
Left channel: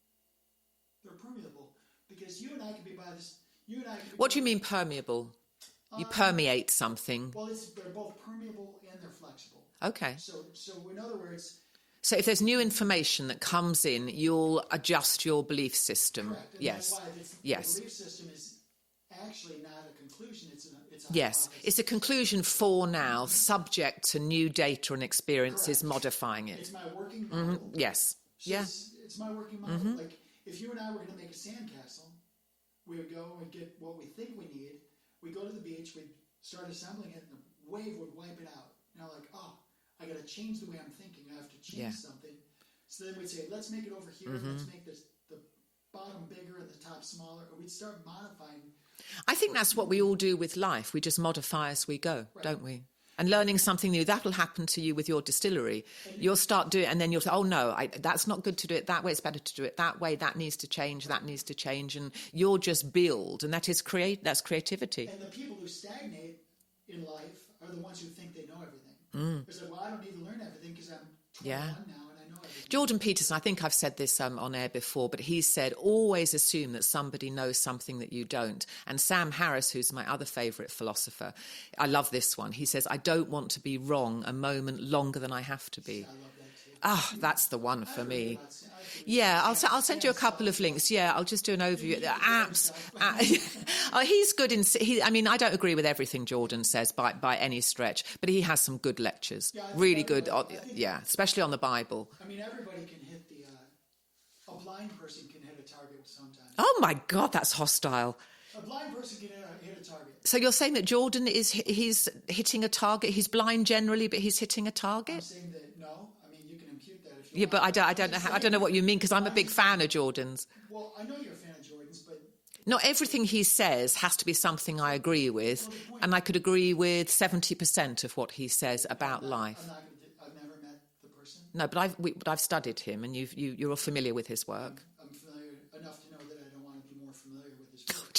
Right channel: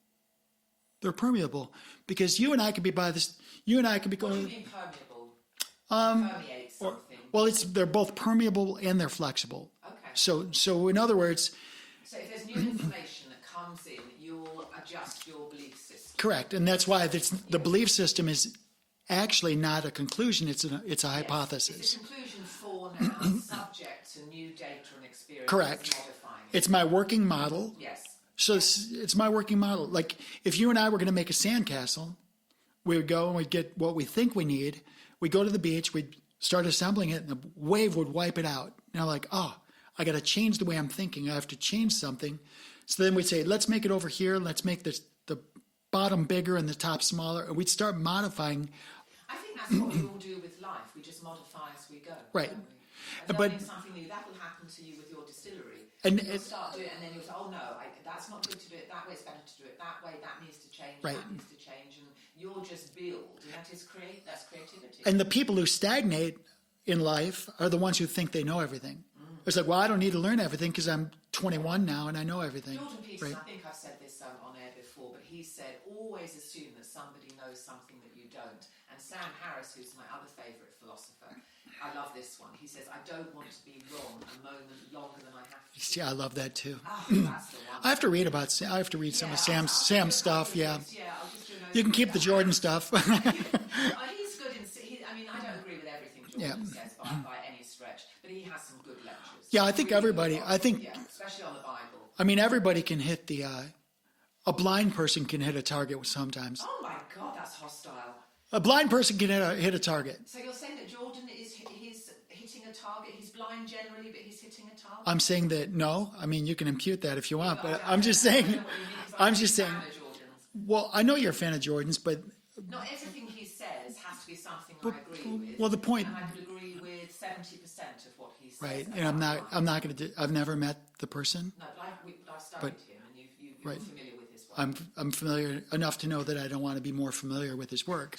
They're permeable, because you and I could be by this. You and I could be. What do you mean permeable? You permeate something. Well, they're both permeable and they're flexible. Okay. So in other words. So if there's new information that comes in, you'll adjust your belief system. Correct, and that's why the belief system is actually not a conclusion. It's a hypothesis. It's a conclusion for now, subject to new data and experiences modifying it. It's my working model. Yes. So it's my working model. Like if you and I were going to make a sandcastle, we would go and we'd get what we think we need. We'd go to the beach, we'd start assembling it, and the wave would wipe it out. And I'm like, oh, I got to change the way I'm thinking. I have to change something. So then we'd say, let's make it over here. Let's make the bottom bigger and the top smaller. And we'd start modifying. I think that's what we all do with life. We just modify as we go, don't we? And learning something new, that will happen to you with your distillery. And you'll start doing it, and then you'll say, oh, no, that's not good to do it that way. It's better to do it that way. That needs to change. That needs to change. And you'll just build. And that's creativity. And the people who stagnate in life are the ones who think they know everything. It's like, well, I don't need to learn everything because I'm 21 now and I know everything. Jordan Peterson, I think I've said this on air before, but he said, always assume that somebody knows something that you don't. And Sam Harris, who's my other favourite philosopher, I love this one. He says, I don't want to be wrong a moment longer than I have to be. See, I love that too. Oh, that's the one. I have to read some of Sam's I'll send you a couple of stuff, links. Yeah, I'll just do an overview. You can keep the Jordan stuff. He's good I don't agree with everything Jordan says by any stretch, but he has some good lectures. Yeah, I think really everybody, good. Especially on the Bible. I mean, everybody can hit a blind person can hit a target sometimes. Oh my God, that's hostile. A blind person can hit a target. So you're saying that Jordan he's hitting a target? He's blind generally, but he's hitting a target? I'm saying that no. I mean, you can impute that if you want. But I don't know what you mean, because I'm a big fan of Jordan's. Well, I know you're a fan of Jordan's, but Not everything he says has to be something I agree with. Well, the point... And I could agree with 70% of what he says about life. I'm not going to... I've never met the person. No, but I've studied him, and you're familiar with his work. I'm familiar enough to know that I don't want to be more familiar with his work.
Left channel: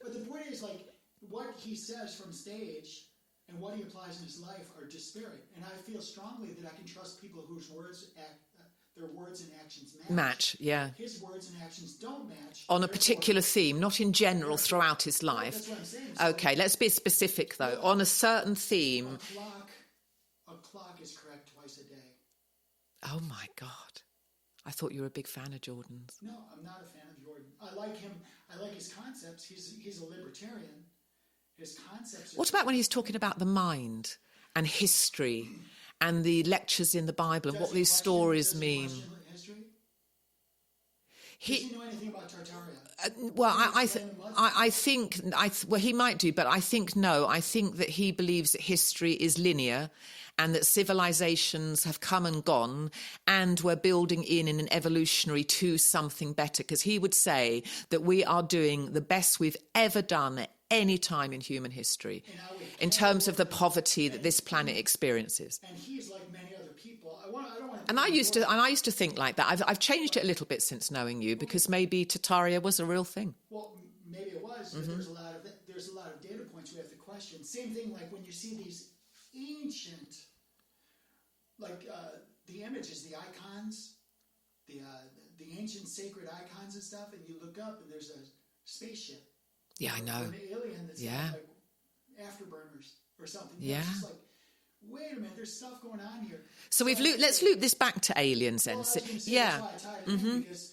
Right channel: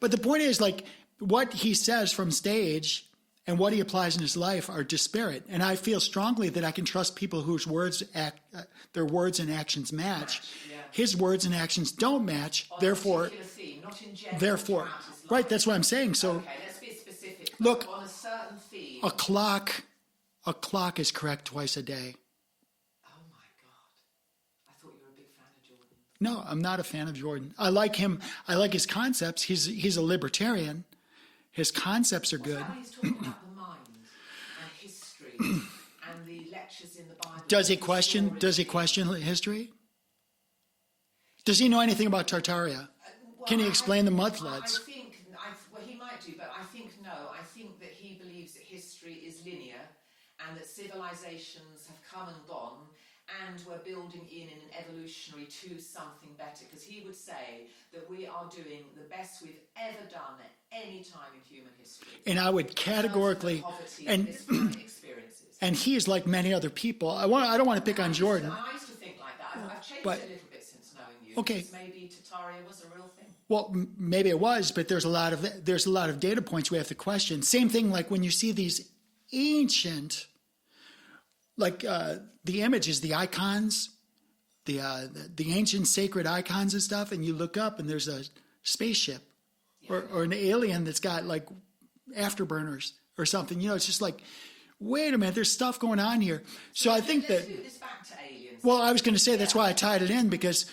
But the point is, like, what he says from stage and what he applies in his life are disparate. And I feel strongly that I can trust people whose their words and actions match. Yeah. His words and actions don't match. On a particular theme, not in general throughout his life. Right, that's what I'm saying. So, okay, let's be specific, though. Look, on a certain theme. A clock is correct twice a day. Oh, my God. I thought you were a big fan of Jordan's. No, I'm not a fan of Jordan. I like him. I like his concepts. He's a libertarian. His concepts are What good. about when he's talking about the mind and history and the lectures in the Bible? Does he question history? Does he know anything about Tartaria? Can he explain the mud floods? I think he might do, but I think no. I think that he believes that history is linear and that civilizations have come and gone and we're building in an evolutionary to something better, because he would say that we are doing the best we've ever done at any time in human history. And I would in terms of the poverty that this planet experiences. And he is like many other people. I don't want to pick on Jordan. I used to think like that. I've changed it a little bit since knowing you, because maybe Tartaria was a real thing. Well, maybe it was, but there's a lot of data points we have to question. Same thing like when you see these ancient, like the images, the icons, the ancient sacred icons and stuff, and you look up and there's a spaceship. Yeah, or an alien that's got like afterburners or something. You know, it's just like, wait a minute, there's stuff going on here. So let's loop this back to aliens. Well, I was going to say that's why I tied it in, because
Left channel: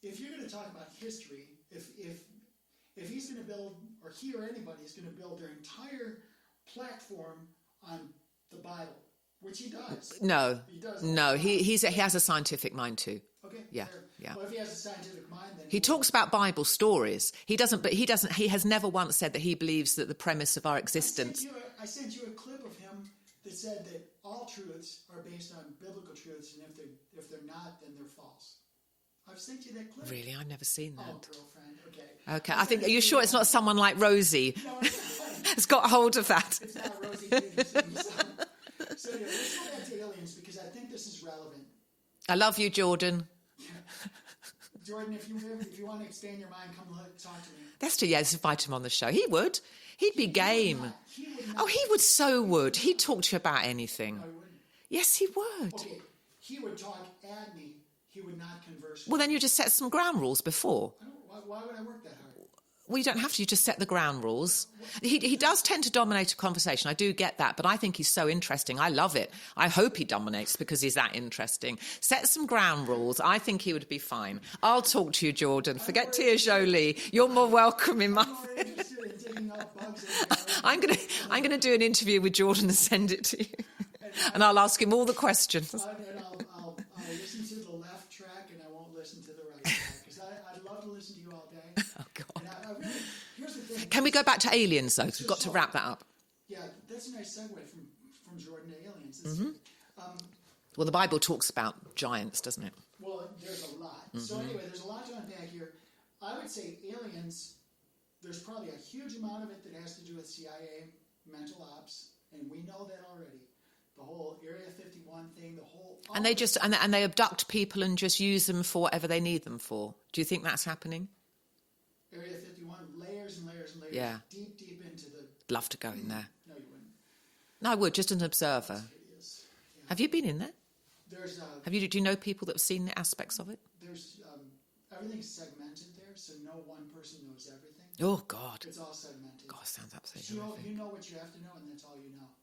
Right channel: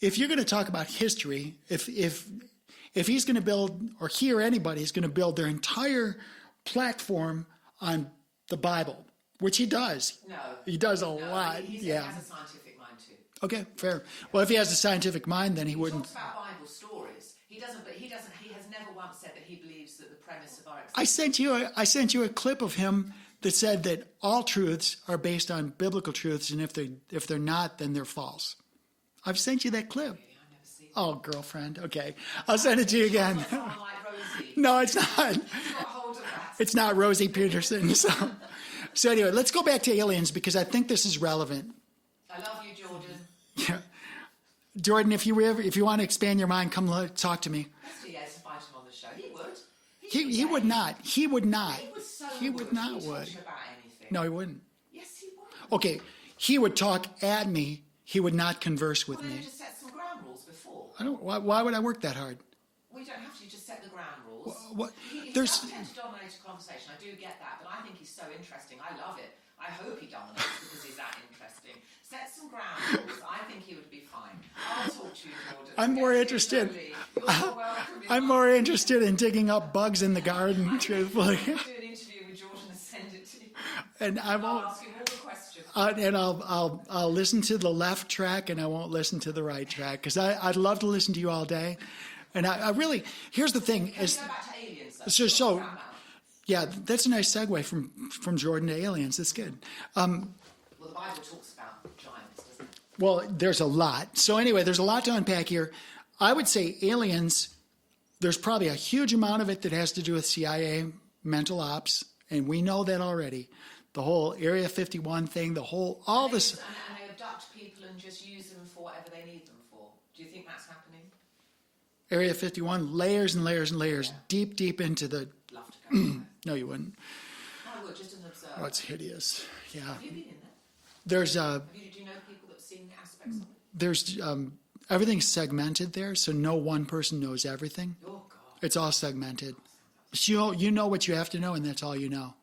if you're going to talk about history, if he's going to build, or he or anybody is going to build their entire platform on the Bible, which he does. No. He does a lot. No, he has a scientific mind too. Okay, fair. Yeah. Well, if he has a scientific mind, then he talks about Bible stories. He has never once said that he believes that the premise of our existence. I sent you a clip of him that said that all truths are based on biblical truths, and if they're not, then they're false. I've sent you that clip. Really? I've never seen that. Oh, girlfriend. Okay. I'll send it to you. Are you sure it's not someone like Rosie? No, it's not. It's got hold of that. It's not Rosie Peterson. So anyway, let's go back to aliens, because I think this is relevant. I love you, Jordan. Yeah. Jordan, if you want to expand your mind, come talk to me. Let's invite him on the show. He would. He'd be game. He would not. Oh, he would. He'd talk to you about anything. No, he wouldn't. Yes, he would. Okay, he would talk at me. He would not converse with me. Well, then you just set some ground rules before. Why would I work that hard? Well, you don't have to. You just set the ground rules. He There's- does tend to dominate a conversation. I do get that, but I think he's so interesting. I love it. I hope he dominates because he's that interesting. Set some ground rules. I think he would be fine. I'll talk to you, Jordan. Forget Tia Jolie. You're more welcome in I'm more interested in digging up bugs in the garden. I'm going to do an interview with Jordan and send it to you, and I'll ask him all the questions. And I'll listen to the left track, and I won't listen to the right track, because I'd love to listen to you all day. And I really, here's the thing. Can we go back to aliens, though? We've got to wrap that up. Yeah, that's a nice segue from Jordan to aliens. That's good. Well, the Bible talks about giants, doesn't it? Well, there's a lot. So anyway, there's a lot to unpack here. I would say aliens, there's probably a huge amount of it that has to do with CIA mental ops, and we know that already. The whole Area 51 thing, and they abduct people and just use them for whatever they need them for. Do you think that's happening? Area 51, layers and layers and layers, deep into the... Love to go in there. No, you wouldn't. No, I would, just an observer. Oh, it's hideous. Yeah. Have you been in there? There's... Do you know people that have seen the aspects of it? There's... everything's segmented there, so no one person knows everything. Oh, God. It's all segmented. Oh, sounds absolutely... So you know what you have to know, and that's all you know.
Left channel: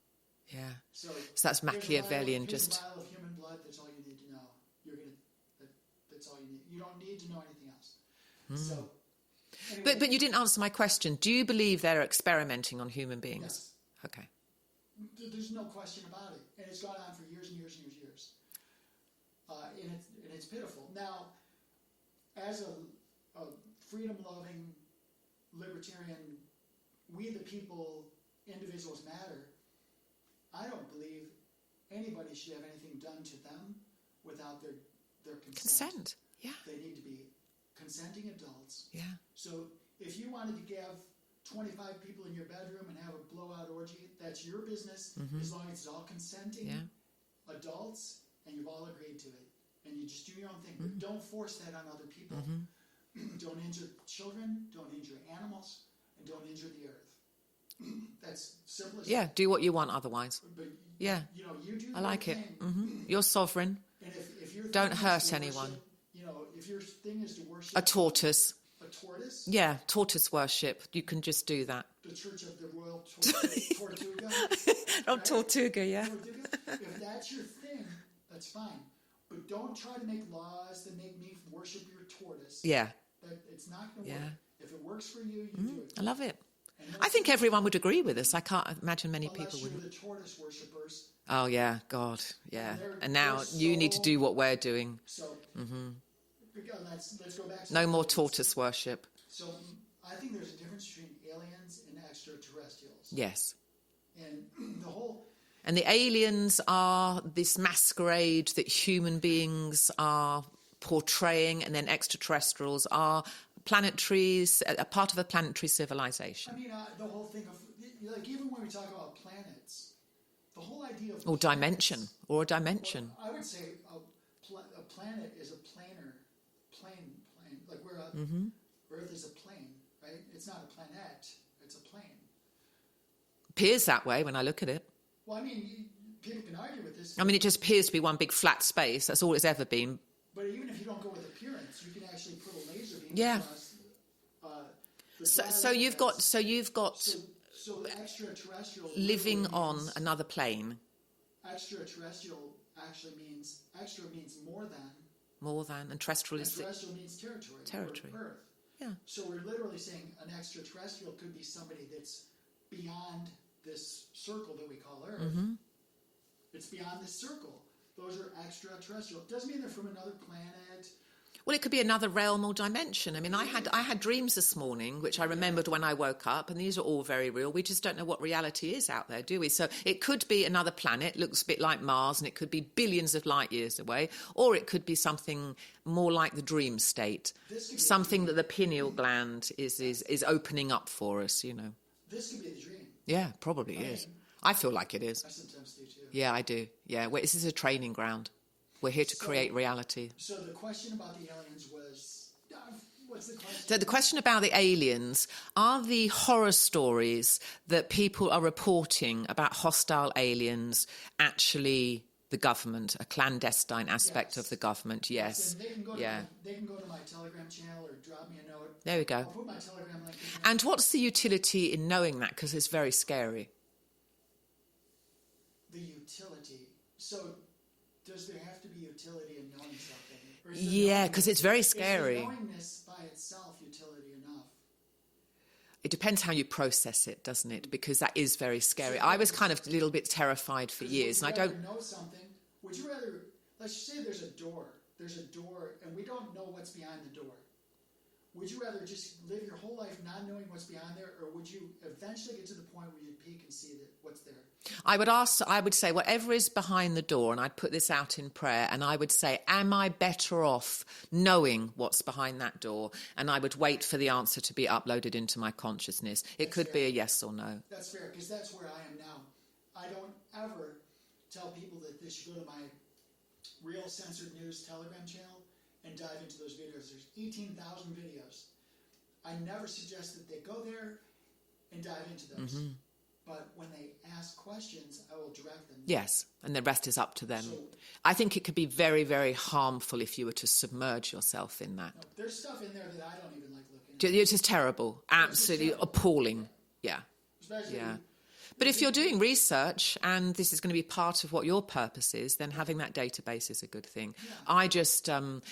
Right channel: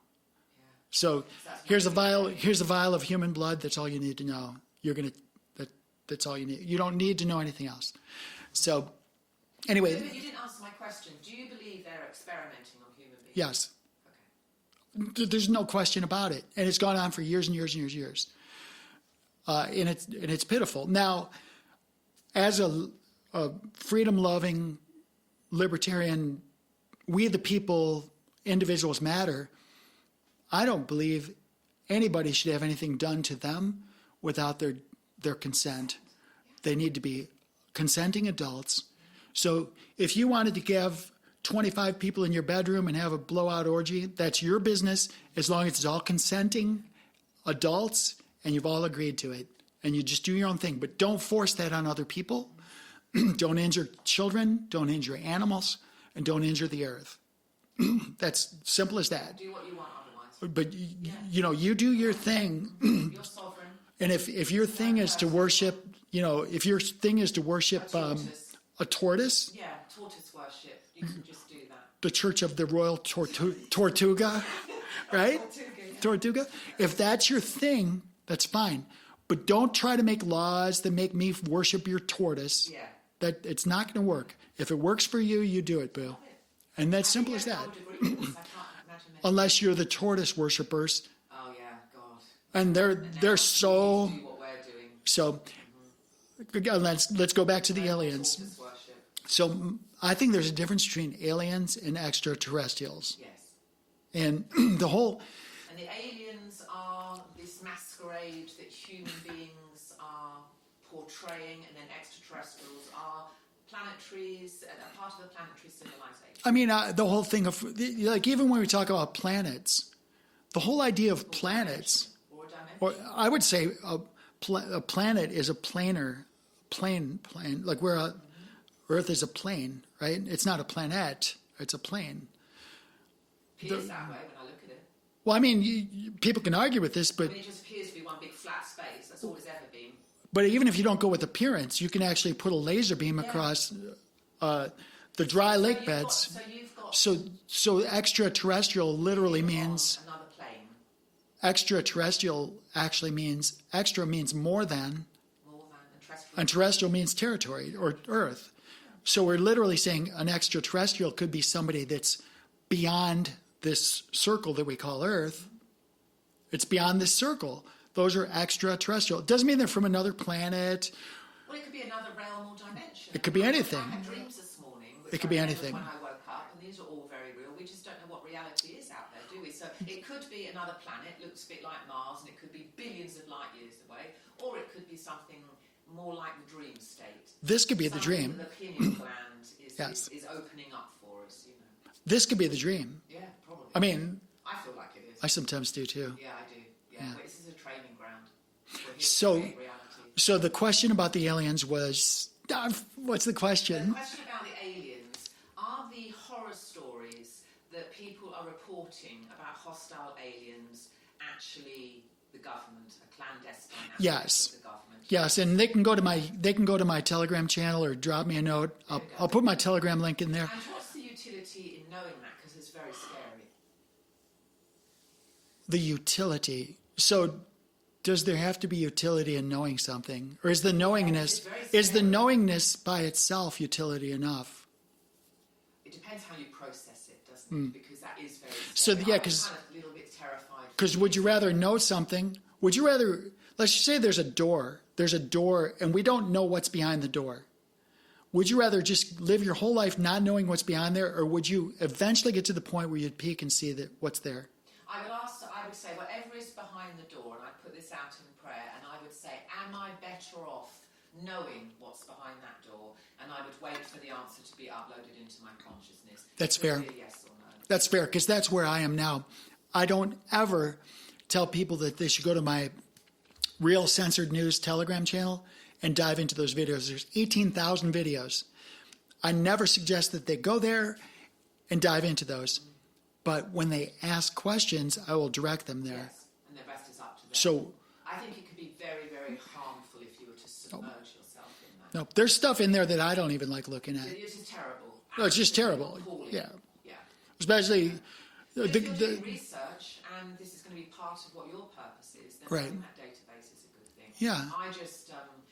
Yeah. So that's here's a vial of human blood. That's all you need to know. That's all you need. You don't need to know anything else. So... Anyway, but you didn't answer my question. Do you believe they're experimenting on human beings? Yes. Okay. There's no question about it, and it's gone on for years and years and years and years. And it's pitiful. Now, as a freedom-loving libertarian, we the people, individuals matter. I don't believe anybody should have anything done to them without their consent. Yeah. They need to be consenting adults. Yeah. So if you wanted to give 25 people in your bedroom and have a blowout orgy, that's your business, as long as it's all consenting adults and you've all agreed to it. And you just do your own thing. But don't force that on other people. Don't injure children, don't injure animals, and don't injure the earth. That's simple as Yeah, that. do what you want otherwise. But, Yeah. you do your like it. thing. You're sovereign. And if your Don't thing is hurt to worship, if your thing is to worship A tortoise. a tortoise, Yeah, tortoise worship. You can just do that. the Church of the Royal Tortuga, right? Tortuga, yeah. Tortuga. If that's your thing, that's fine. But don't try to make laws that make me worship your tortoise. Yeah. That it's not going to work. If it works for you, you do it. I love it. And that's I think simple as everyone that. would agree with us. I can't imagine many Unless people you're the tortoise worshippers. Oh, yeah, God. Yeah. And they're now so- you need to do what we're doing. So let's go back to the No more aliens. tortoise worship. So I think there's a difference between aliens and extraterrestrials. Yes. And the whole And the aliens are this masquerade that human beings are portraying, and then extraterrestrials are planetaries, a part of a planetary civilization. I mean, the whole thing of, like, even when we talk about planets, the whole idea of Or planets. a dimension. I would say a planet is a plane, like where Earth is a plane, right? It's not a planet, it's a plane. Appears that way when I look at it. Well, I mean, people can argue with this, but, I mean, it just appears to be one big flat space. That's all it's ever been. but even if you don't go with appearance, you can actually put a laser beam Yeah. across the dry lake beds. You've got So extraterrestrial literally living means on another plane. extraterrestrial actually means extra means more than, More than, and terrestrial. and terrestrial means territory. Or Earth. Yeah. So we're literally saying an extraterrestrial could be somebody that's beyond this circle that we call Earth. It's beyond this circle. Those are extraterrestrial. It doesn't mean they're from another planet. Well, it could be another realm or dimension. It could be anything. I had dreams this morning, which It I could be remembered anything. when I woke up, and these are all very real. We just don't know what reality is out there, do we? So it could be another planet, looks a bit like Mars, and it could be billions of light years away, or it could be something more like the dream state. This could be the something dream. that the pineal gland Yes. is opening up for us, you know. This could be the dream. Yeah, probably. I is. mean- I feel like it is. I sometimes do too. Yeah, I do. Yeah, well, this is a training ground. We're here to So- create reality. So the question about the aliens was, what's the question? So the question about the aliens, are the horror stories that people are reporting about hostile aliens actually the government, a clandestine aspect Yes. of the government? Yes, and they can go to Yeah. my Telegram channel or drop me a note. There we go. I'll put my Telegram link in there. And what's the utility in knowing that? Because it's very scary. The utility. So does there have to be utility in knowing something? Or is the Yeah, 'cause knowingness it's very Is the scary. knowingness by itself utility enough? It depends how you process it, doesn't it? Because that is very scary. So, yeah, I was 'cause- kind of a little bit terrified for Because years. would you and I rather don't- know something? Would you rather, let's just say there's a door, and we don't know what's behind the door. Would you rather just live your whole life not knowing what's behind there, or would you eventually get to the point where you'd peek and see that what's there? I would say, whatever is behind the door, and I'd put this out in prayer, and I would say, am I better off knowing what's behind that door? And I would wait for the answer to be uploaded into my consciousness. That's it could fair. be a yes or no. That's fair, because that's where I am now. I don't ever tell people that they should go to my Real Censored News Telegram channel and dive into those videos. There's 18,000 videos. I never suggest that they go there and dive into those. But when they ask questions, I will direct them there. Yes, and the rest is up to them. So- I think it could be very, very harmful if you were to submerge yourself in that. No, there's stuff in there that I don't even like looking at. It's just terrible. No, it's just Absolutely terrible. appalling. Yeah. Yeah. Especially... Yeah. But if the- you're doing the- research and this is going to be part of what your purpose is, then Right. having that database is a good thing. Yeah. I just,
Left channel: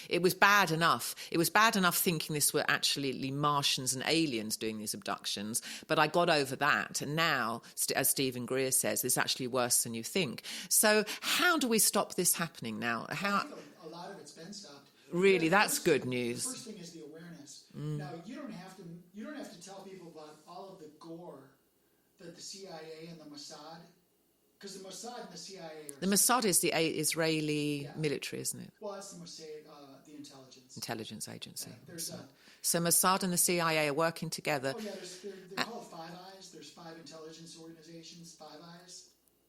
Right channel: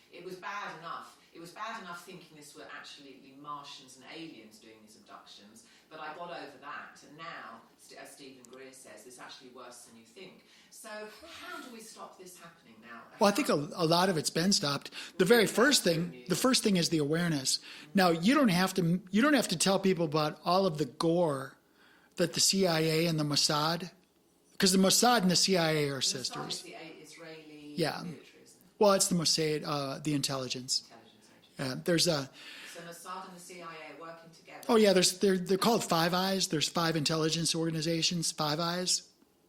it was bad enough. It was bad enough thinking this were actually Martians and aliens doing these abductions, but I got over that. And now, as Stephen Greer says, it's actually worse than you think. So how do we stop this happening now? Well, I think a lot of it's been stopped. The Really, very that's first good thing, news. the first thing is the awareness. Now, you don't have to tell people about all of the gore that the CIA and the Mossad because the Mossad and the CIA are The Mossad sisters. is the Israeli military, isn't it? Well, it's the Mossad, the intelligence Agency. There's a So Mossad and the CIA are working together. Oh yeah, they're called Five Eyes. There's 5 intelligence organizations. 5 Eyes,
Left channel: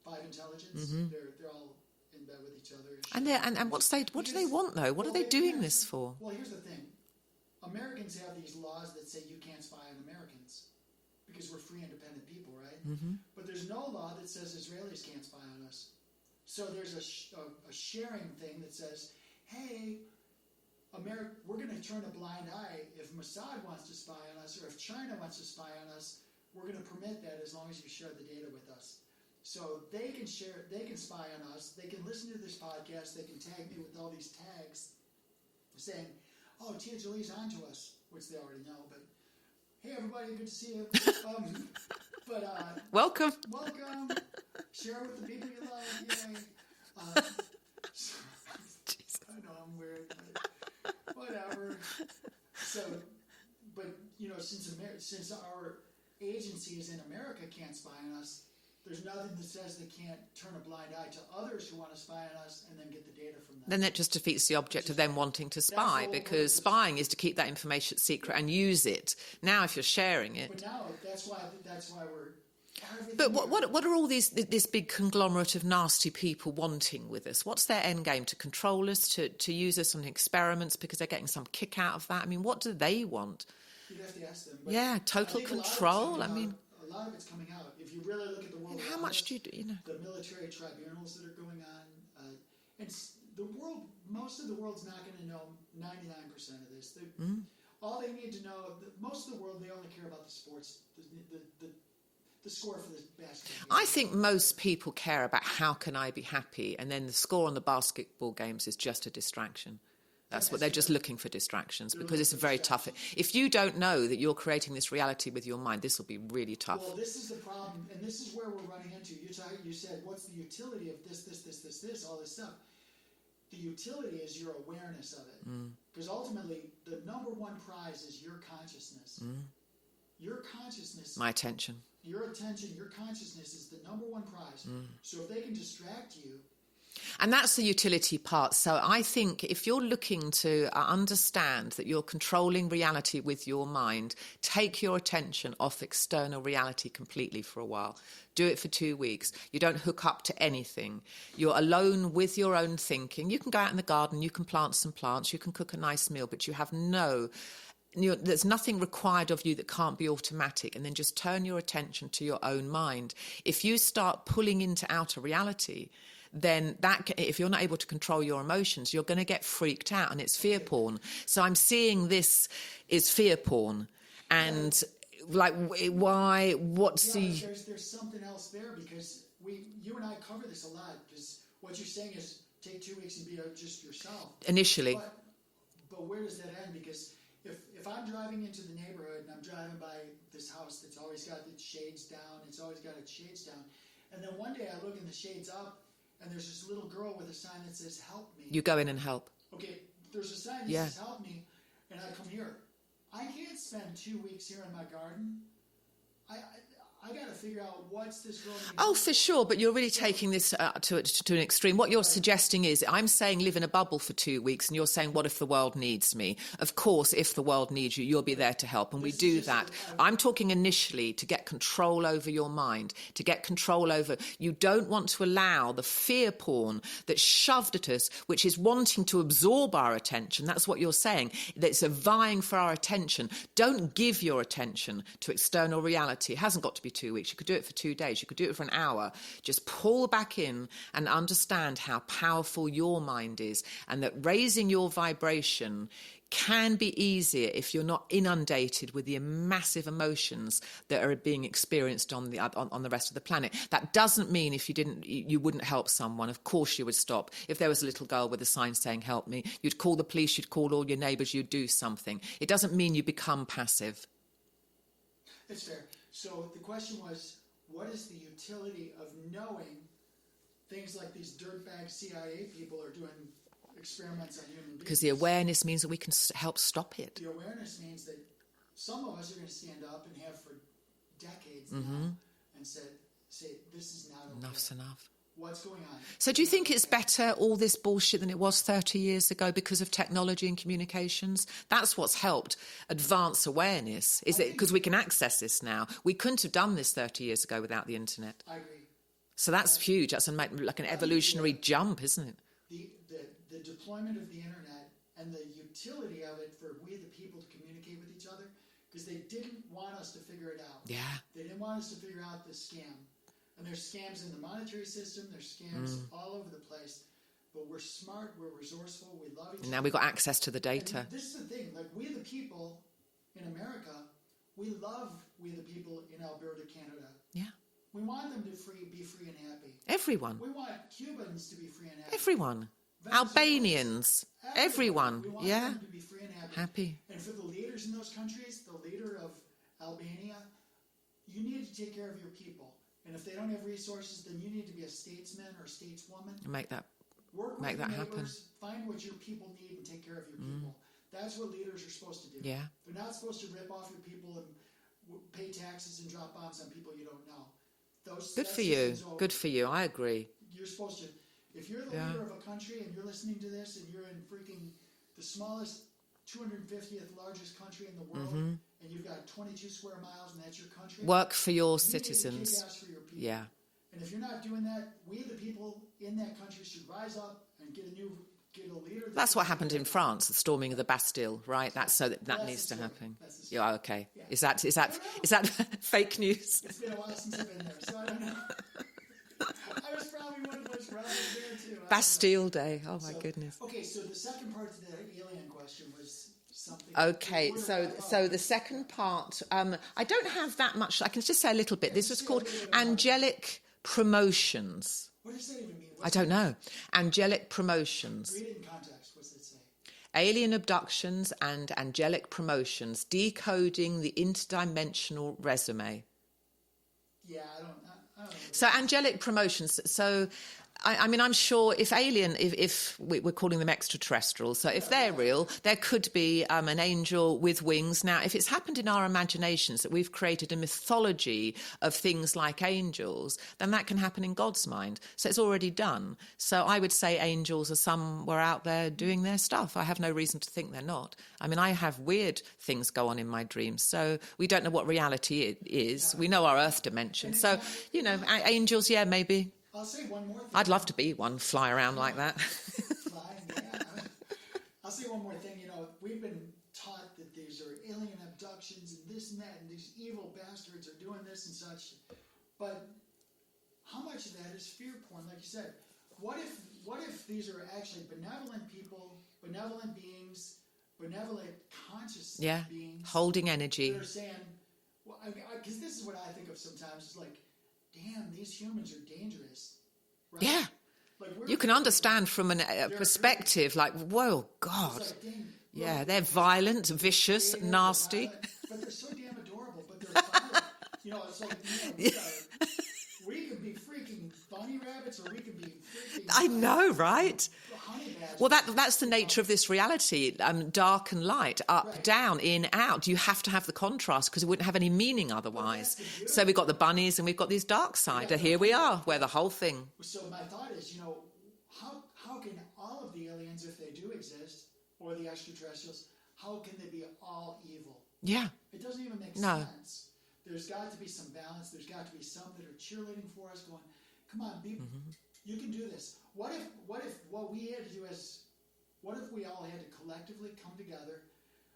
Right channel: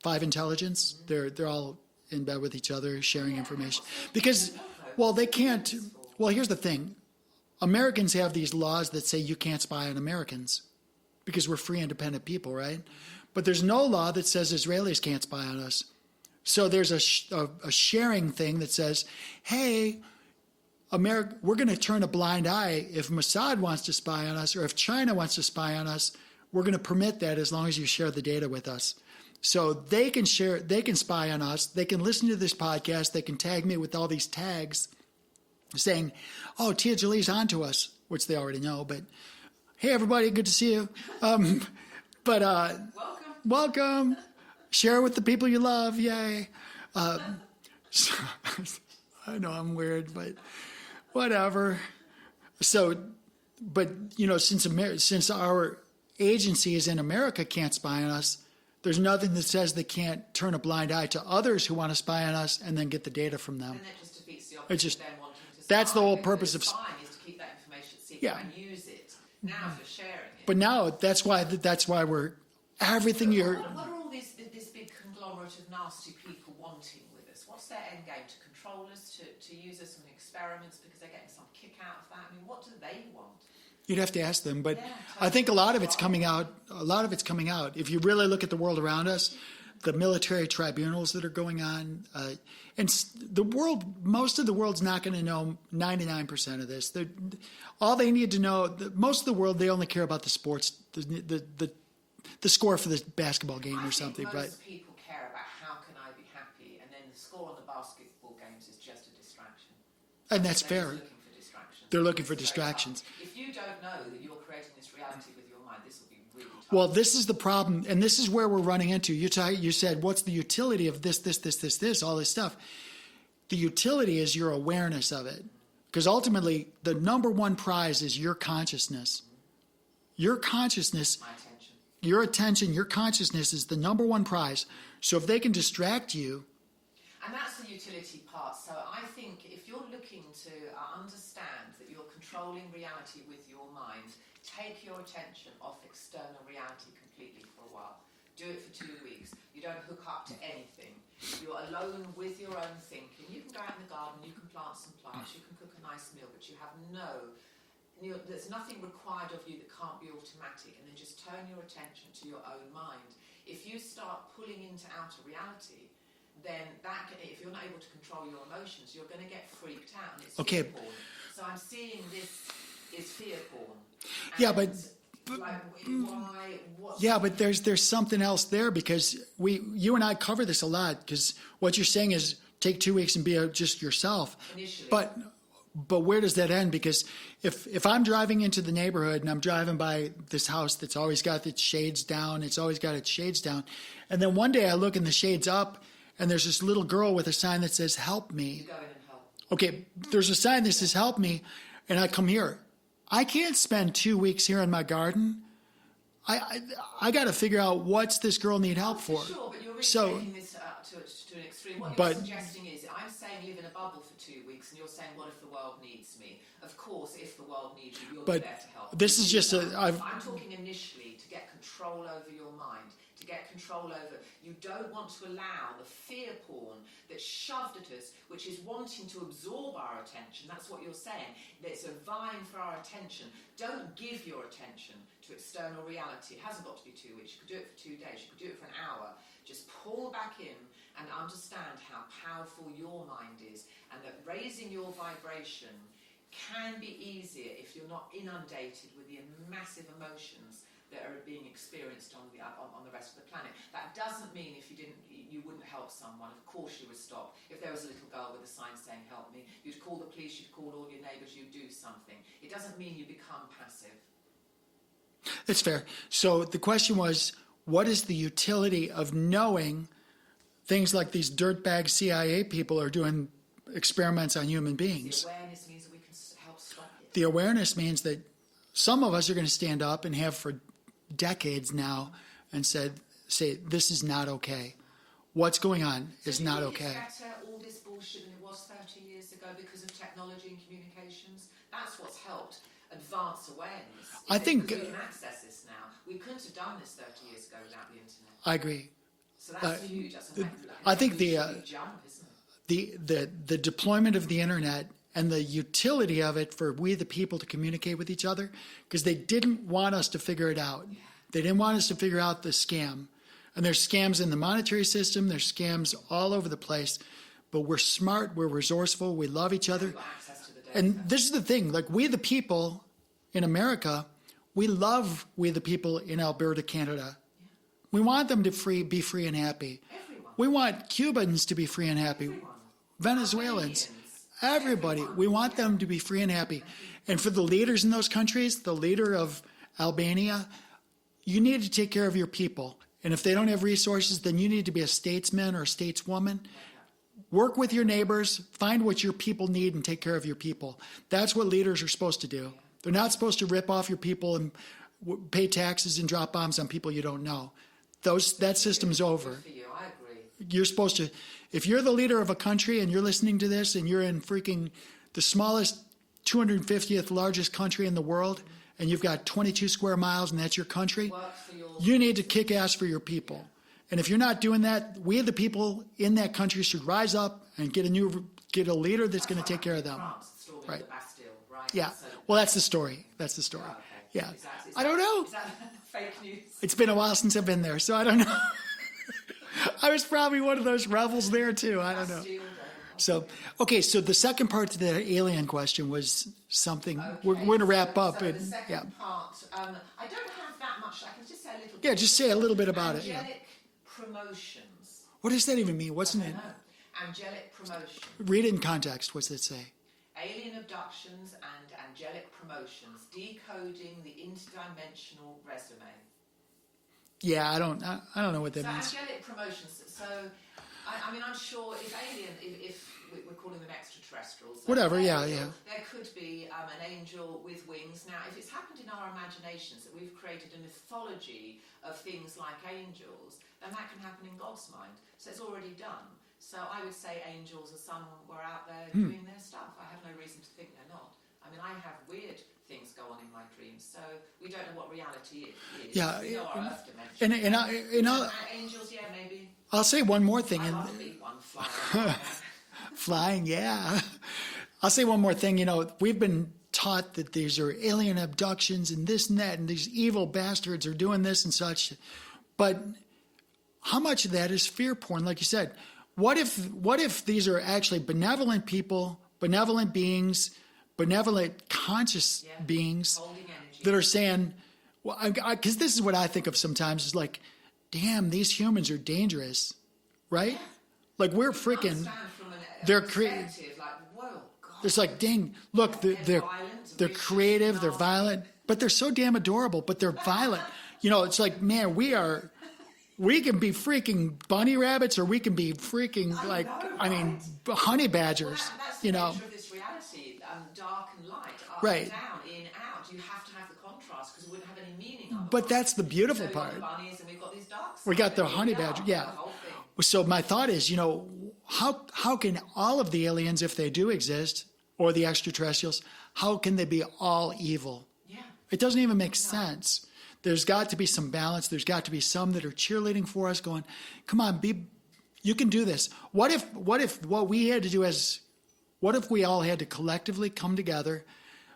5 intelligence. They're all in bed with each other, sharing information. And what do they want though? What are they doing this for? Well, here's the thing: Americans have these laws that say you can't spy on Americans because we're free, independent people, right? But there's no law that says Israelis can't spy on us. So there's a sharing thing that says, hey, America, we're going to turn a blind eye if Mossad wants to spy on us or if China wants to spy on us. We're going to permit that as long as you share the data with us. So they can spy on us. They can listen to this podcast. They can tag me with all these tags saying, oh, Tia Jolie's onto us, which they already know. But hey, everybody, good to see you. Welcome. Share with the people you love. Yay. So, I know I'm weird, but whatever. So, but since our agencies in America can't spy on us, there's nothing that says they can't turn a blind eye to others who want to spy on us and then get the data from them. Then that just defeats the object of them wanting to spy. That's the whole purpose of spying is to keep that information secret and use it. Now, if you're sharing it, but now that's why we're everything. But what are all this big conglomerate of nasty people wanting with us? What's their end game? To control us, to use us on experiments because they're getting some kick out of that? I mean, what do they want? You'd have to ask them, but total I think a lot of it's coming control, out. A lot of it's coming out. If you really look at the world around us, the military tribunals that are going on, and the world, most of the world's not going to know 99% of this. All they need to know, most of the world, they only care about the sports, the score for the basketball game. I think most people care about how can I be happy, and then the score on the basketball games is just a distraction. That's what they're fair. just looking for distractions. They're looking for very distractions. tough. If you don't know that you're creating this reality with your mind, this will be really tough. Well, this is the problem, and this is where we're running into. You said, what's the utility of this, all this stuff? The utility is your awareness of it. Because ultimately, the number one prize is your consciousness. Your consciousness. My attention. Your attention, your consciousness is the number one prize. So if they can distract you. And that's the utility part. So I think if you're looking to understand that you're controlling reality with your mind, take your attention off external reality completely for a while. Do it for 2 weeks. You don't hook up to anything. You're alone with your own thinking. You can go out in the garden, you can plant some plants, you can cook a nice meal, but you have there's nothing required of you that can't be automatic. And then just turn your attention to your own mind. If you start pulling into outer reality, then if you're not able to control your emotions, you're going to get freaked out, and it's fear porn. So I'm seeing this is fear porn. And why? What's but there's something else there, because you and I cover this a lot, because what you're saying is take 2 weeks and be just yourself initially. But where does that end? Because if I'm driving into the neighborhood and I'm driving by this house that's always got its shades down, and then one day I look and the shade's up, and there's this little girl with a sign that says, help me. You go in and help. Okay, there's a sign that says, help me, and I come here. I can't spend 2 weeks here in my garden. I got to figure out what's this girl need help for. Oh, for sure, but you're really taking this to an extreme. What you're suggesting is, I'm saying live in a bubble for 2 weeks, and you're saying, what if the world needs me? Of course, if the world needs you, you'll be there to help. And this is just I'm talking initially to get control over your mind, to get control over. You don't want to allow the fear porn that's shoved at us, which is wanting to absorb our attention. That's what you're saying. That's vying for our attention. Don't give your attention to external reality. It hasn't got to be 2 weeks. You could do it for 2 days. You could do it for an hour. Just pull back in and understand how powerful your mind is, and that raising your vibration can be easier if you're not inundated with the massive emotions that are being experienced on the rest of the planet. That doesn't mean if you wouldn't help someone. Of course you would stop. If there was a little girl with a sign saying help me, you'd call the police, you'd call all your neighbours, you'd do something. It doesn't mean you become passive. That's fair. So the question was, what is the utility of knowing things like these dirtbag CIA people are doing experiments on human beings? Because the awareness means that we can help stop it. The awareness means that some of us are going to stand up and have for decades now and say, this is not okay. Enough's enough. what's going on. So is do you not think it's okay. better, all this bullshit, than it was 30 years ago because of technology and communications? That's what's helped advance awareness, I think because we can access this now. We couldn't have done this 30 years ago without the internet. I agree. So that's huge. That's like an I think evolutionary jump, isn't it? The deployment of the internet and the utility of it for we the people to communicate with each other, because they didn't want us to figure it out. Yeah. They didn't want us to figure out the scam. And there's scams in the monetary system. There's scams all over the place. But we're smart. We're resourceful. We love each other. We've got access to the data. And this is the thing. Like, we the people in America, we love we the people in Alberta, Canada. Yeah. We want them to be free and happy. Everyone. We want Cubans to be free and happy. Everyone. Venezuelans. Albanians. Everybody. Everyone. We want them to be free and happy. And for the leaders in those countries, the leader of Albania, you need to take care of your people. And if they don't have resources, then you need to be a statesman or a stateswoman. Work with your neighbors, find what your people need, and take care of your people. That's what leaders are supposed to do. Yeah. They're not supposed to rip off your people and pay taxes and drop bombs on people you don't know. That system's over. Good for you. I agree. You're supposed to, if you're the leader of a country and you're listening to this and you're in freaking the smallest 250th largest country in the world, and you've got 22 square miles and that's your country, work for your you citizens. need to kick ass for your people. Yeah. And if you're not doing that, we the people in that country should rise up and get a leader that's going to take care of them. That's what happened in France, the storming of the Bastille, right? Yeah. That's that's the story. That's the story. Yeah, okay. Yeah. Is that I don't know. Is that fake news? It's been a while since I've been there, so I don't know. I was probably one of those rebels there too. Bastille Day. Oh, my goodness. Okay, so the second part to the alien question was something. Okay, we're going to wrap up. So the second part, I don't have that much. I can just say a little bit. Yeah, just say a little bit about angelic promotions. What does that even mean? I don't know. Angelic promotions. Read it in context. What's it say? Alien abductions and angelic promotions, decoding the interdimensional resume. Yeah, I don't know what that So means. angelic promotions. So, I mean, I'm sure if alien, if we're calling them extraterrestrial, so if they're real, there could be an angel with wings. Now, if it's happened in our imaginations that we've created a mythology of things like angels, then that can happen in God's mind. So it's already done. So I would say angels are somewhere out there doing their stuff. I have no reason to think they're not. I mean, I have weird things go on in my dreams. So we don't know what reality is. Yeah, we know our Earth dimension. Angels, yeah, maybe. I'll say one more thing. I'd love to be one, fly around like that. Flying, yeah. I'll say one more thing. We've been taught that these are alien abductions and this and that, and these evil bastards are doing this and such. But how much of that is fear porn? Like you said, what if these are actually benevolent people, benevolent beings, benevolent conscious beings, holding energy, that are saying, well, because this is what I think of sometimes, is like, damn, these humans are dangerous, right? Yeah. Like, you can understand from a perspective, like, whoa, God. It's like, dang, look, they're violent, vicious, they're creative, nasty. They're violent, but they're so damn adorable, but they're violent. It's like, man, we can be freaking bunny rabbits, or we can be freaking honey badgers. Well, that's the nature of this reality, dark and light, up, down, in, out. You have to have the contrast because it wouldn't have any meaning otherwise. But that's the beautiful So we've got part. the bunnies and we've got these dark sides. Here we are, we're the whole thing. So my thought is, how can all of the aliens, if they do exist, or the extraterrestrials, how can they be all evil? Yeah. It doesn't even make sense. There's got to be some balance. There's got to be some that are cheerleading for us, going, come on, you can do this. What if what we had to do what if we all had to collectively come together,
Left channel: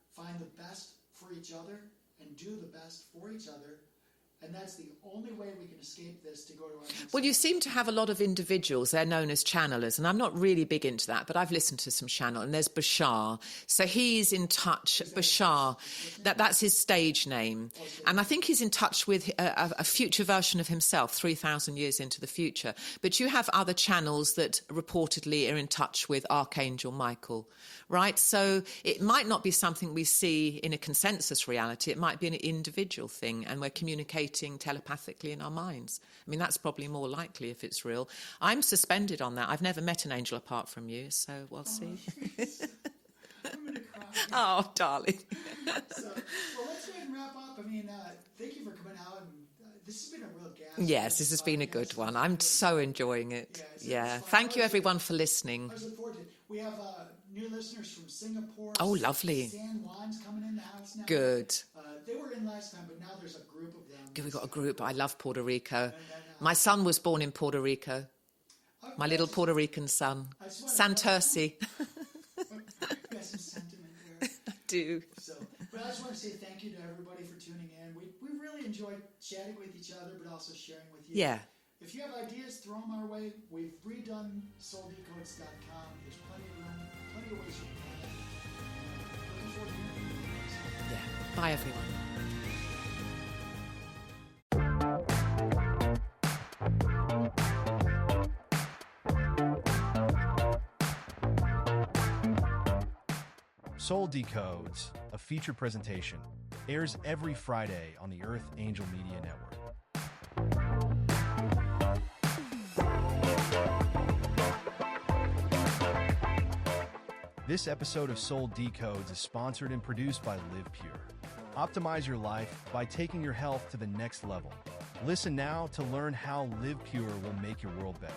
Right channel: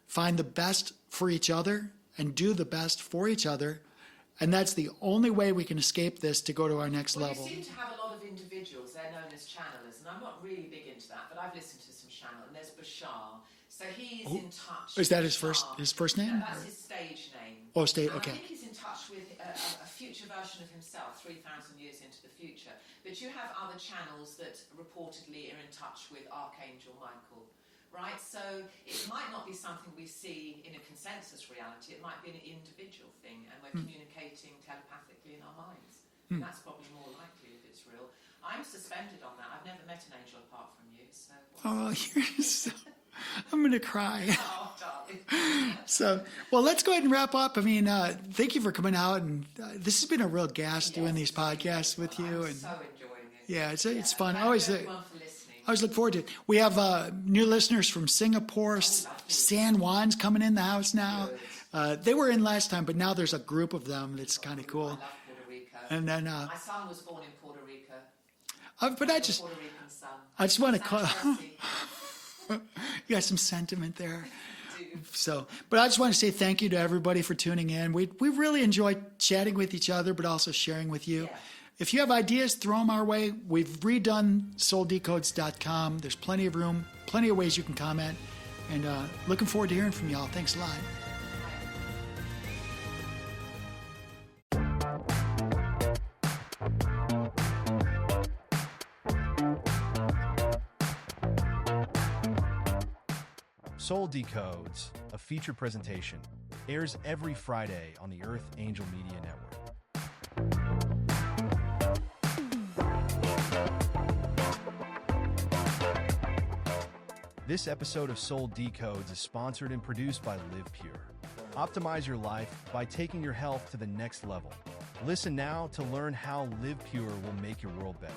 find the best for each other, and do the best for each other? And that's the only way we can escape this to go to our next level. Well, you seem to have a lot of individuals. They're known as channelers, and I'm not really big into that, but I've listened to some channel, and there's Bashar. So he's in touch. Is that Bashar, his first name? That's his stage name. Oh, stage. And I think he's in touch with a future version of himself, 3,000 years into the future. But you have other channels that reportedly are in touch with Archangel Michael. Right? So it might not be something we see in a consensus reality. It might be an individual thing, and we're communicating telepathically in our minds. I mean, that's probably more likely if it's real. I'm suspended on that. I've never met an angel apart from you, so we'll see. I'm going to cry. Oh, darling. So, well, let's go ahead and wrap up. I mean, thank you for coming out, and this has been a real gas doing Yes, these this has been a good podcasts with one. you. I'm so enjoying it. Yeah, it's fun. Thank you, everyone, for listening. I always look forward to it. We have new listeners from Singapore. Oh, lovely. San Juan's coming in the house now. Good. They were in last time, but now there's a group of them. We've It's got a kind of group. cool. I love Puerto Rico. And then, my son was born in Puerto Rico. My little Puerto Rican son. I just want to Santurce. You got some sentiment there. I do. So, but I just want to say thank you to everybody for tuning in. We really enjoyed chatting with each other, but also sharing with you. Yeah. If you have ideas, throw them our way. We've redone souldecodes.com. There's plenty of room, plenty of ways you can comment. And looking forward to hearing from y'all. Thanks a lot. Bye, everyone. Soul Decodes, a feature presentation, airs every Friday on the Earth Angel Media Network. This episode of Soul Decodes is sponsored and produced by Live Pure. Optimize your life by taking your health to the next level. Listen now to learn how Live Pure will make your world better.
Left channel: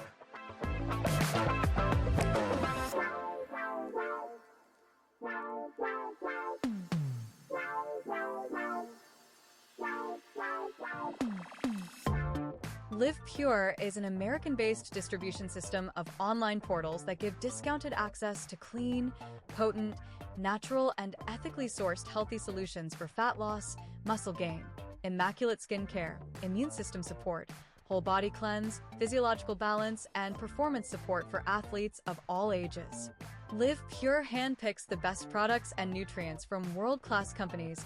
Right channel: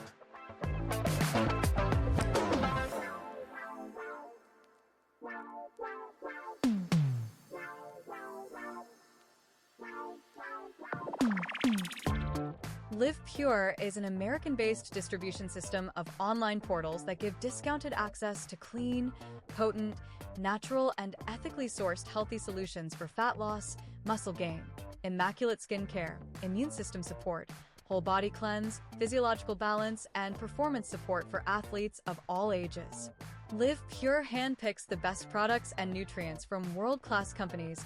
Live Pure is an American-based distribution system of online portals that give discounted access to clean, potent, natural, and ethically sourced healthy solutions for fat loss, muscle gain, immaculate skin care, immune system support, whole body cleanse, physiological balance, and performance support for athletes of all ages. Live Pure handpicks the best products and nutrients from world-class companies,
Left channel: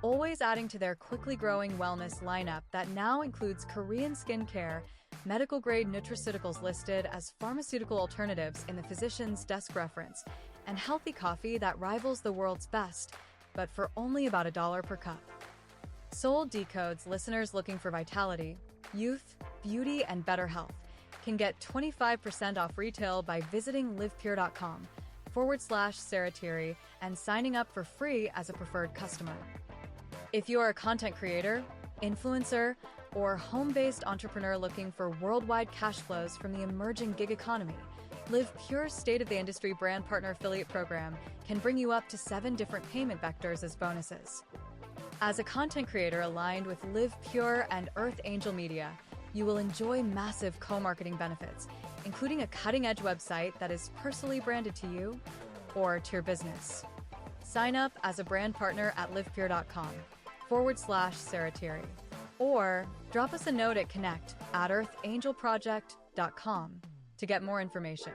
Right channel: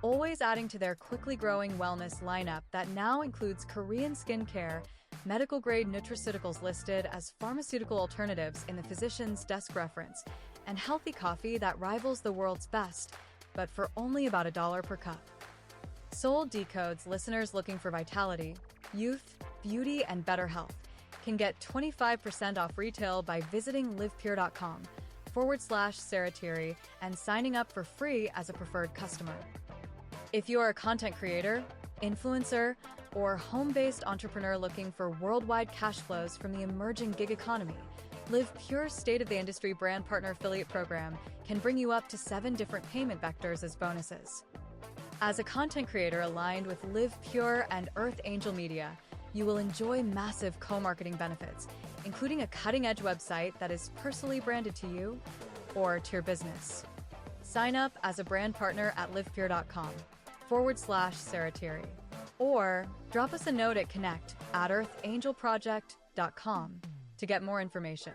always adding to their quickly growing wellness lineup that now includes Korean skincare, medical-grade nutraceuticals listed as pharmaceutical alternatives in the physician's desk reference, and healthy coffee that rivals the world's best, but for only about $1 per cup. Soul Decodes listeners looking for vitality, youth, beauty, and better health can get 25% off retail by visiting livepure.com/Sarah Tirri and signing up for free as a preferred customer. If you are a content creator, influencer, or home-based entrepreneur looking for worldwide cash flows from the emerging gig economy, Live Pure's state-of-the-industry brand partner affiliate program can bring you up to 7 different payment vectors as bonuses. As a content creator aligned with Live Pure and Earth Angel Media, you will enjoy massive co-marketing benefits, including a cutting-edge website that is personally branded to you or to your business. Sign up as a brand partner at livepure.com/Sarah Tirri, or drop us a note at connect@earthangelproject.com to get more information.